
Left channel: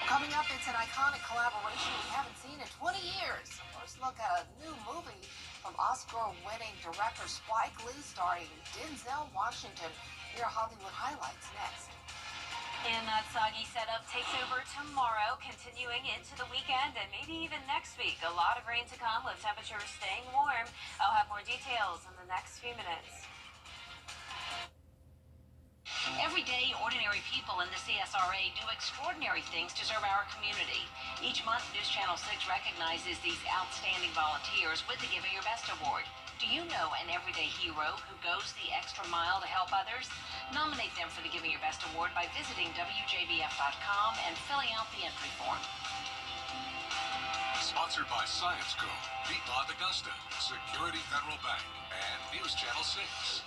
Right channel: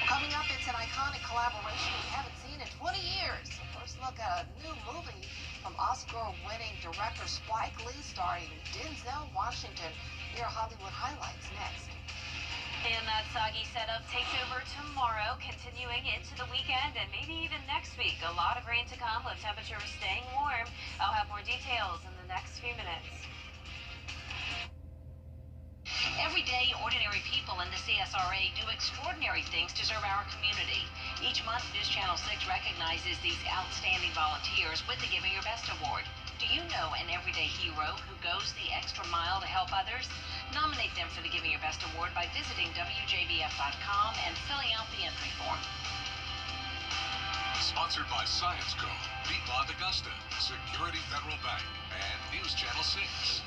Well, coming up, it's an iconic collaboration we haven't seen in 20 years. First look at a new movie from Oscar-winning director Spike Lee starring Denzel Washington. Here are Hollywood highlights next. And that soggy setup takes over tomorrow, continuing into the weekend and maybe even next week. A lot of rain to come with temperatures staying warm. I'll have more details in the next few minutes. Every day, ordinary people in the CSRA do extraordinary things to serve our community. Each month, News Channel 6 recognizes these outstanding volunteers with the Giving Your Best Award. Do you know an everyday hero who goes the extra mile to help others? Nominate them for the Giving Your Best Award by visiting WJBF.com and filling out the entry form. Sponsored by Science Co., Piedmont Augusta, Security Federal Bank, and News Channel 6.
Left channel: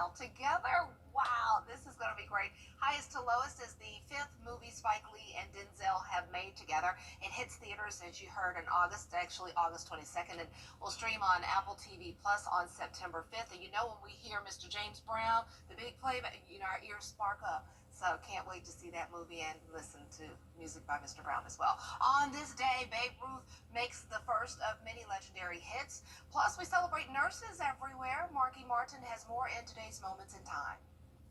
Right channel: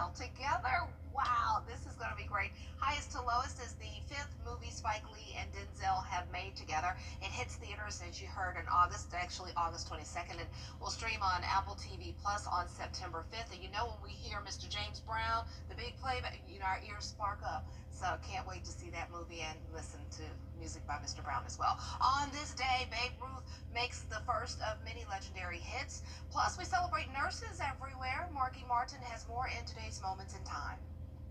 All together? Wow, this is going to be great. Highest to Lowest is the 5th movie Spike Lee and Denzel have made together. It hits theaters, as you heard, in August, actually August 22nd, and will stream on Apple TV Plus on September 5th. And you know, when we hear Mr. James Brown, the big playback, you know, our ears spark up. So can't wait to see that movie and listen to music by Mr. Brown as well. On this day, Babe Ruth makes the first of many legendary hits. Plus, we celebrate nurses everywhere. Marky Martin has more in today's Moments in Time.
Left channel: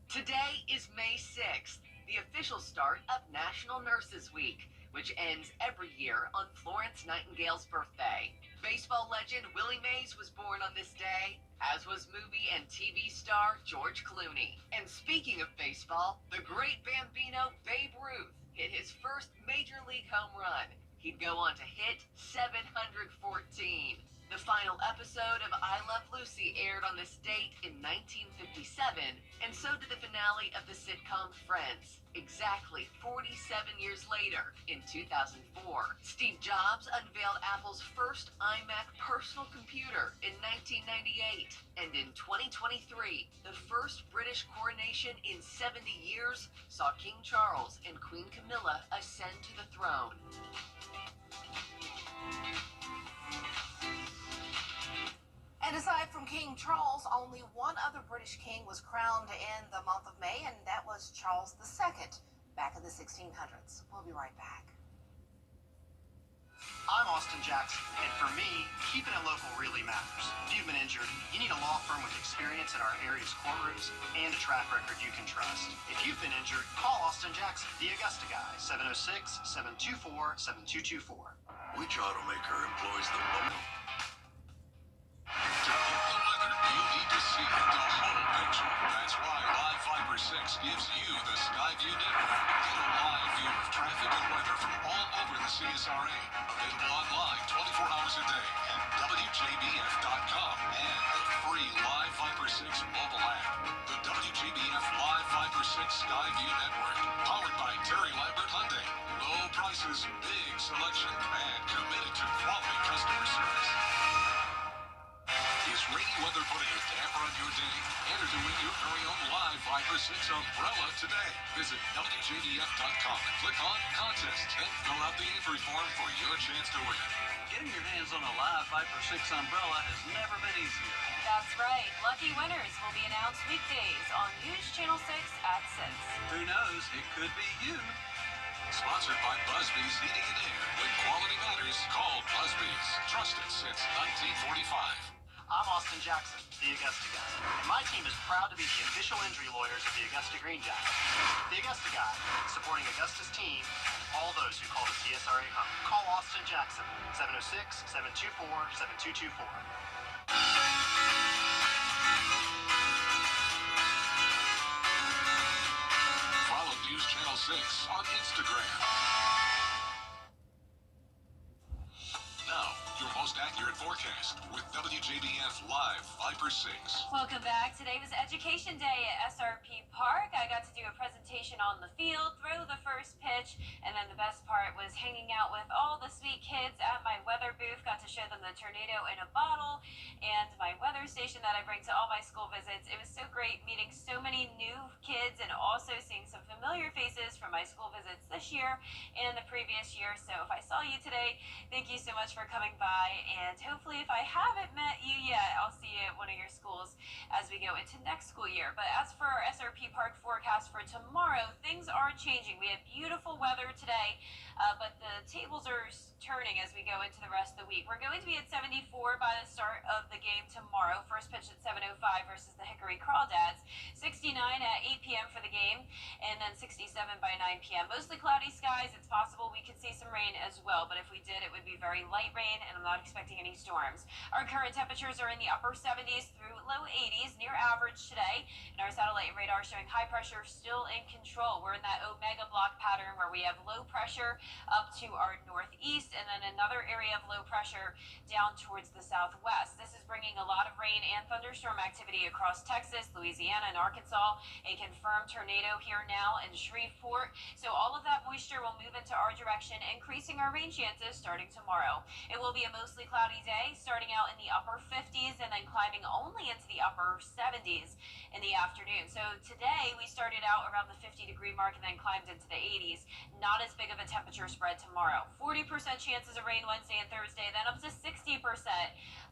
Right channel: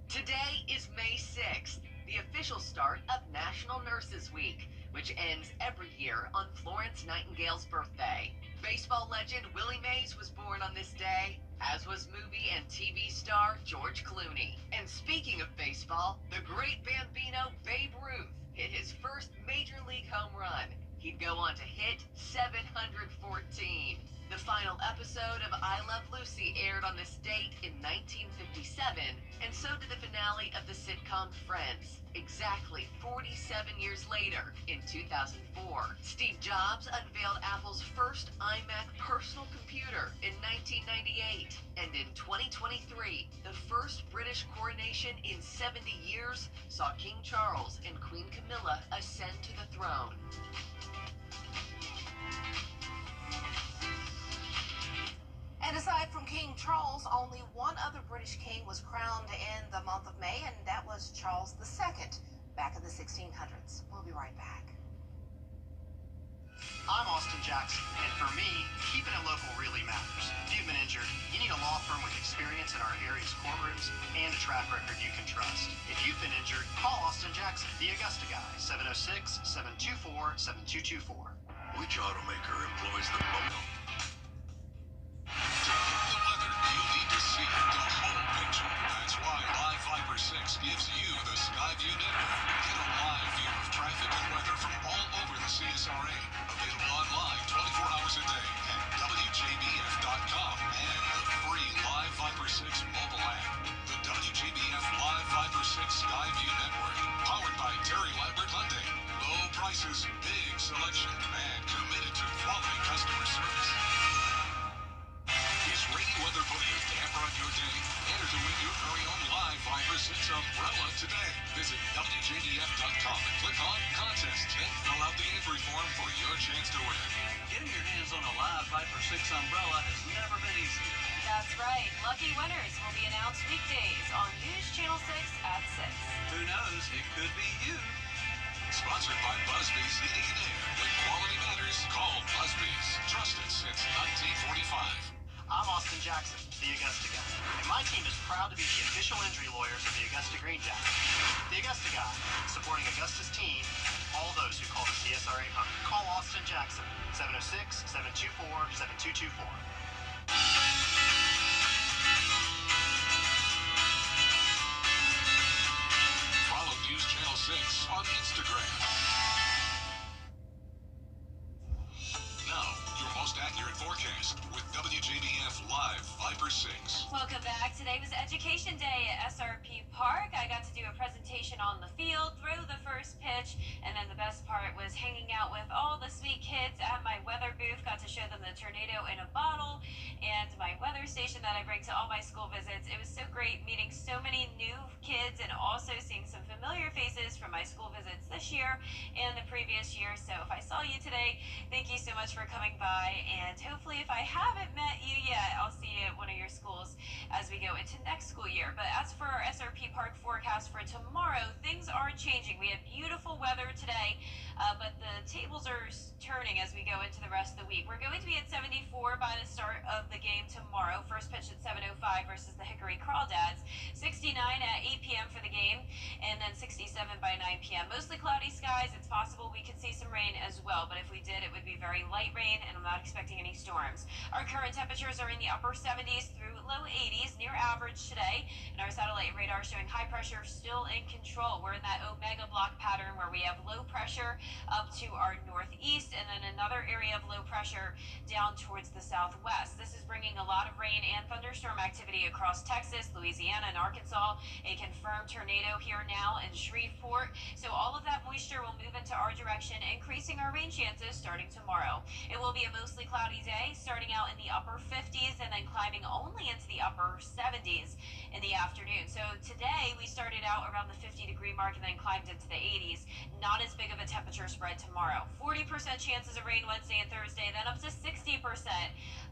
Today is May 6th, the official start of National Nurses Week, which ends every year on Florence Nightingale's birthday. Baseball legend Willie Mays was born on this day, as was movie and TV star George Clooney. And speaking of baseball, the great Bambino Babe Ruth hit his first major league home run. He'd go on to hit 714. The final episode of I Love Lucy aired on this date in 1957, and so did the finale of the sitcom Friends, exactly 47 years later in 2004. Steve Jobs unveiled Apple's first iMac personal computer in 1998, and in 2023, the first British coronation in 70 years saw King Charles and Queen Camilla ascend to the throne. And aside from King Charles, only one other British king was crowned in the month of May, and that was Charles II, back in the 1600s. We'll be right back. I'm Austin Jackson, and for me, keeping it local really matters. If you've been injured, you need a law firm with experience in our area's courtrooms and a track record you can trust. If you've been injured, call Austin Jackson, the Augusta guy, 706-724-7224. Which automaker employs the most? To get the weather, you need to see the whole picture. That's why Live Fiber 6 gives you the Skyview network. Get a live view of traffic and weather from all over the CSRA. Available online 24 hours a day at WJBF.com and the free Live Fiber 6 mobile app. The WJBF Live Fiber 6 Skyview network. Powered by Terry Lambert Hyundai. Low prices, big selection, and committed to quality customer service. Is rainy weather putting a damper on your day? Enter to win your very own Live Fiber 6 umbrella today. Visit WJBF.com and click on Contests. Then fill out the entry form for your chance to win. Getting your hands on a Live Fiber 6 umbrella has never been easier. That's right. Lucky winners will be announced weekdays on News Channel 6 at 6. Who knows? It could be you. Sponsored by Busby's Heating and Air. When quality matters, call Busby's. Trusted since 1945. I'm Austin Jackson, the Augusta Guy, and my team is proud to be the official injury lawyers of the Augusta Green Jackets. The Augusta Guy, supporting Augusta's team and all those who call the CSRA home. Call Austin Jackson, 706-724-7224. Follow News Channel 6 on Instagram. Now, your most accurate forecast with WJBF Live 5/6. Welcome back. Today was Education Day at SRP Park. I got to do a presentation on the field, throw the first pitch, and then the best part was hanging out with all the sweet kids at my weather booth. Got to show them the tornado in a bottle and my weather station that I bring to all my school visits. It was so great meeting so many new kids and also seeing some familiar faces from my school visits this year and the previous year. So if I saw you today, thank you so much for coming by, and hopefully if I haven't met you yet, I'll see you at one of your schools as we go into next school year. But as for our SRP Park forecast for tomorrow, things are changing. We have beautiful weather today, but the tables are turning as we go into the rest of the week. We're going to be at 74 by the start of the game tomorrow. First pitch at 7:05 versus the Hickory Crawdads. 69 at 8 p.m. for the game, and then 67 by 9 p.m. Mostly cloudy skies. It's possible we could see some rain as well, but if we did, it would be very light rain, and I'm not expecting any storms. Our current temperatures are in the upper 70s through low 80s, near average today, and our satellite radar showing high pressure still in control. We're in that omega block pattern where we have low pressure up to our northeast, and then another area of low pressure down towards the southwest. This is bringing a lot of rain and thunderstorm activity across Texas, Louisiana, and Arkansas. A confirmed tornado here now in Shreveport. So all of that moisture will move into our direction, increasing our rain chances starting tomorrow. It will be a mostly cloudy day, starting out in the upper 50s and then climbing only into the upper 70s in the afternoon. So today we started out around the 50-degree mark and then climbed into the 80s. Not as big of a temperature spread tomorrow. 40% chances of rain Wednesday and Thursday, then up to 60%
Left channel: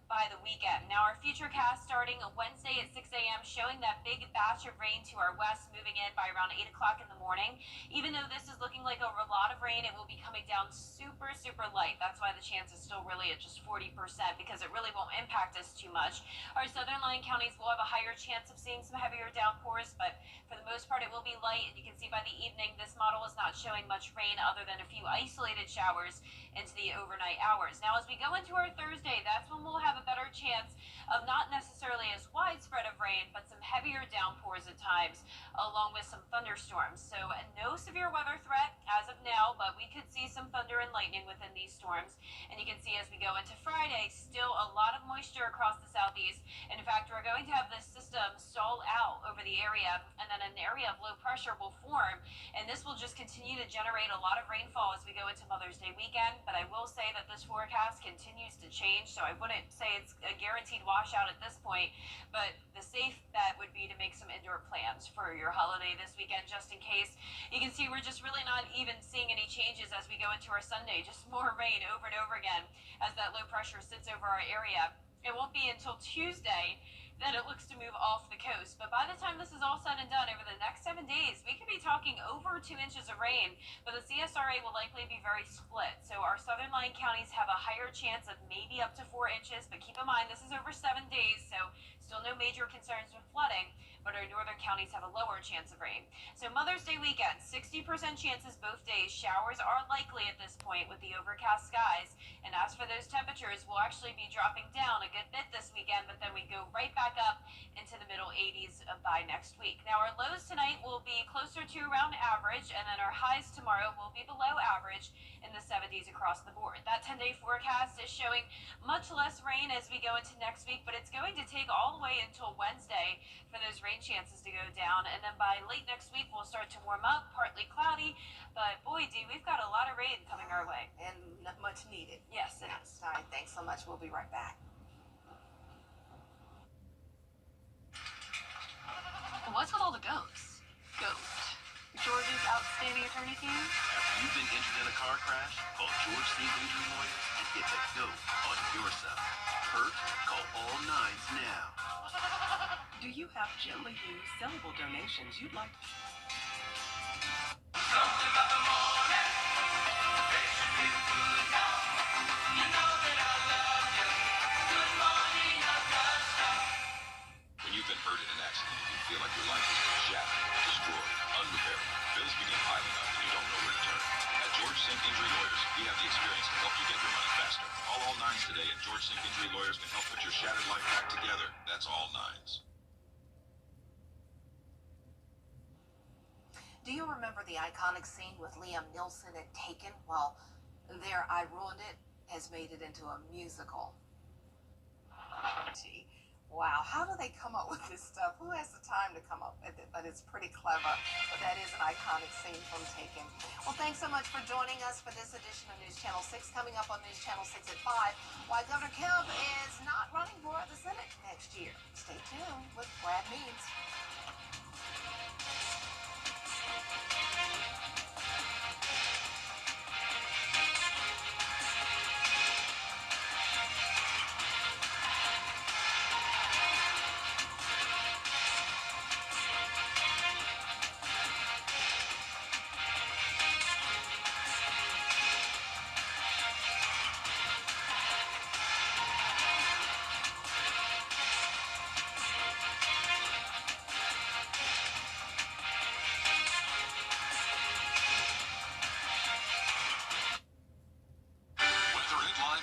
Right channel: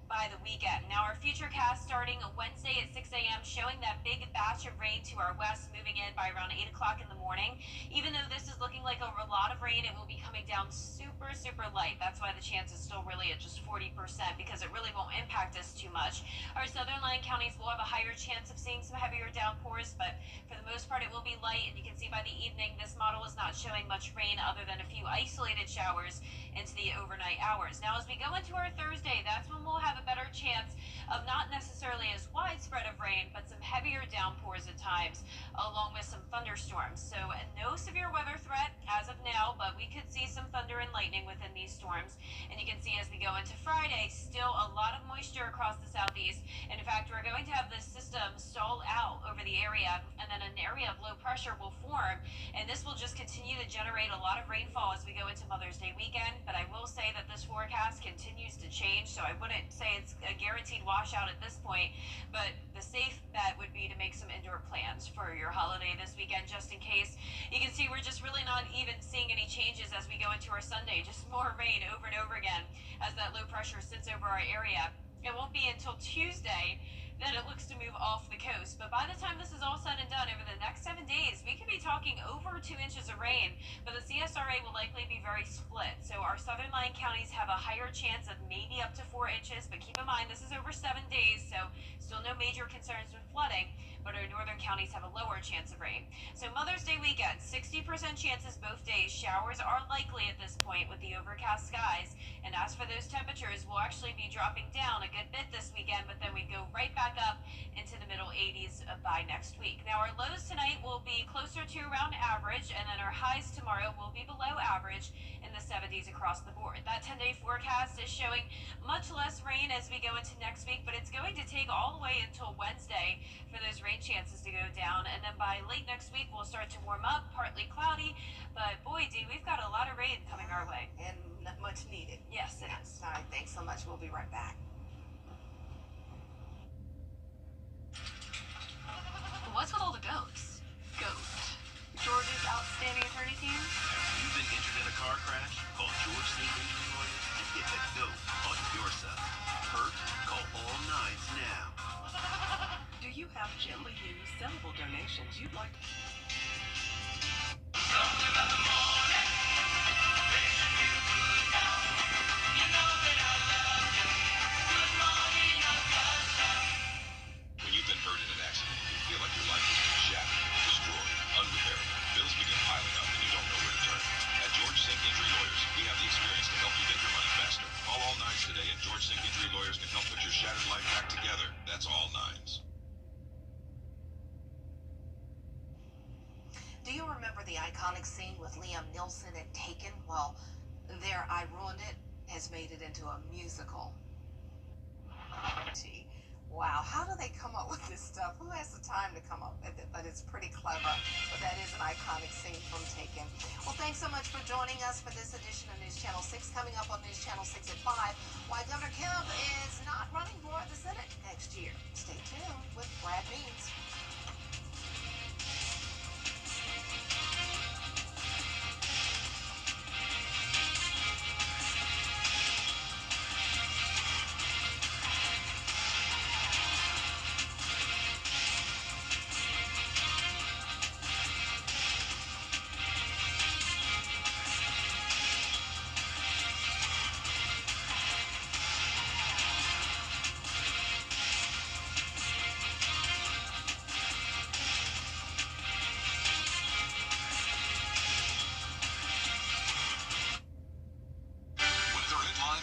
by the weekend. Now our futurecast starting Wednesday at 6 a.m. showing that big batch of rain to our west, moving in by around 8 o'clock in the morning. Even though this is looking like a lot of rain, it will be coming down super light. That's why the chance is still really at just 40% because it really won't impact us too much. Our southern line counties will have a higher chance of seeing some heavier downpours, but for the most part it will be light, and you can see by the evening this model is not showing much rain other than a few isolated showers into the overnight hours. Now as we go into our Thursday, that's when we'll have a better chance of not necessarily as widespread of rain, but some heavier downpours at times, along with some thunderstorms. So no severe weather threat as of now, but we could see some thunder and lightning within these storms. And you can see as we go into Friday, still a lot of moisture across the southeast. And in fact, we're going to have this system stall out over the area, and then an area of low pressure will form, and this will just continue to generate a lot of rainfall as we go into Mother's Day weekend. But I will say that this forecast continues to change, so I wouldn't say it's a guaranteed washout at this point, but the safe bet would be to make some indoor plans for your holiday this weekend just in case. You can see we're just really not even seeing any changes as we go into our Sunday, just more rain over and over again as that low pressure sits over our area. It won't be until Tuesday that it looks to move off the coast. But by the time this is all said and done, over the next 7 days, we could be talking over 2 inches of rain, but the CSRA will likely be very split. So our southern line counties have a higher chance of maybe up to 4 inches, but keep in mind this is over 7 days, so still no major concerns with flooding, but our northern counties have a lower chance of rain. So Mother's Day weekend, 60% chances both days. Showers are likely at this point with the overcast skies. And as for those temperatures, we'll actually be dropping down a good bit this weekend, but then we go right back up into the middle 80s by next week. Now our lows tonight will be closer to around average, and then our highs tomorrow will be below average in the 70s across the board. That 10-day forecast is showing much less rain as we go into next week, but it's going to take all the way until Wednesday for those rain chances to go down, and then by late next week we'll start to warm up, partly cloudy, but boy Dee, we've got a lot of rain coming our way. And not much needed. Yes, it is. All right, thanks so much. We'll be right back. What's with all the goats? Goat. George's outstanding attorney team? Have you been injured in a car crash? Call George St. Injury Lawyers and get the GOAT on your side. Hurt? Call all nines now. Do you have gently used sellable donations you'd like to... Something about the morning. Nines today, and George Sink Injury Lawyers can help put your shattered life back together. That's all Nines. Do you remember the iconic scene with Liam Neeson and Taken? Well, their I Ruined It has made it into a musical. Gee, wow, how do they come up with this stuff? Who has the time to come up with it? But it's pretty clever. But that is an iconic scene from Taken. Well, thanks so much for joining us for this edition of News Channel 6. Coming up on News Channel 6 at 5, why Governor Kemp is not running for the Senate next year. Stay tuned with Brad Means.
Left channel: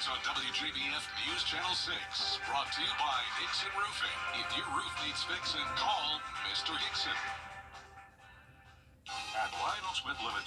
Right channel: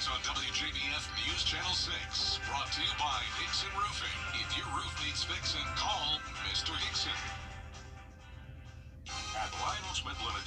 On WJBF News Channel 6, brought to you by Hickson Roofing. If your roof needs fixing, call Mr. Hickson. At Lionel Smith Limited.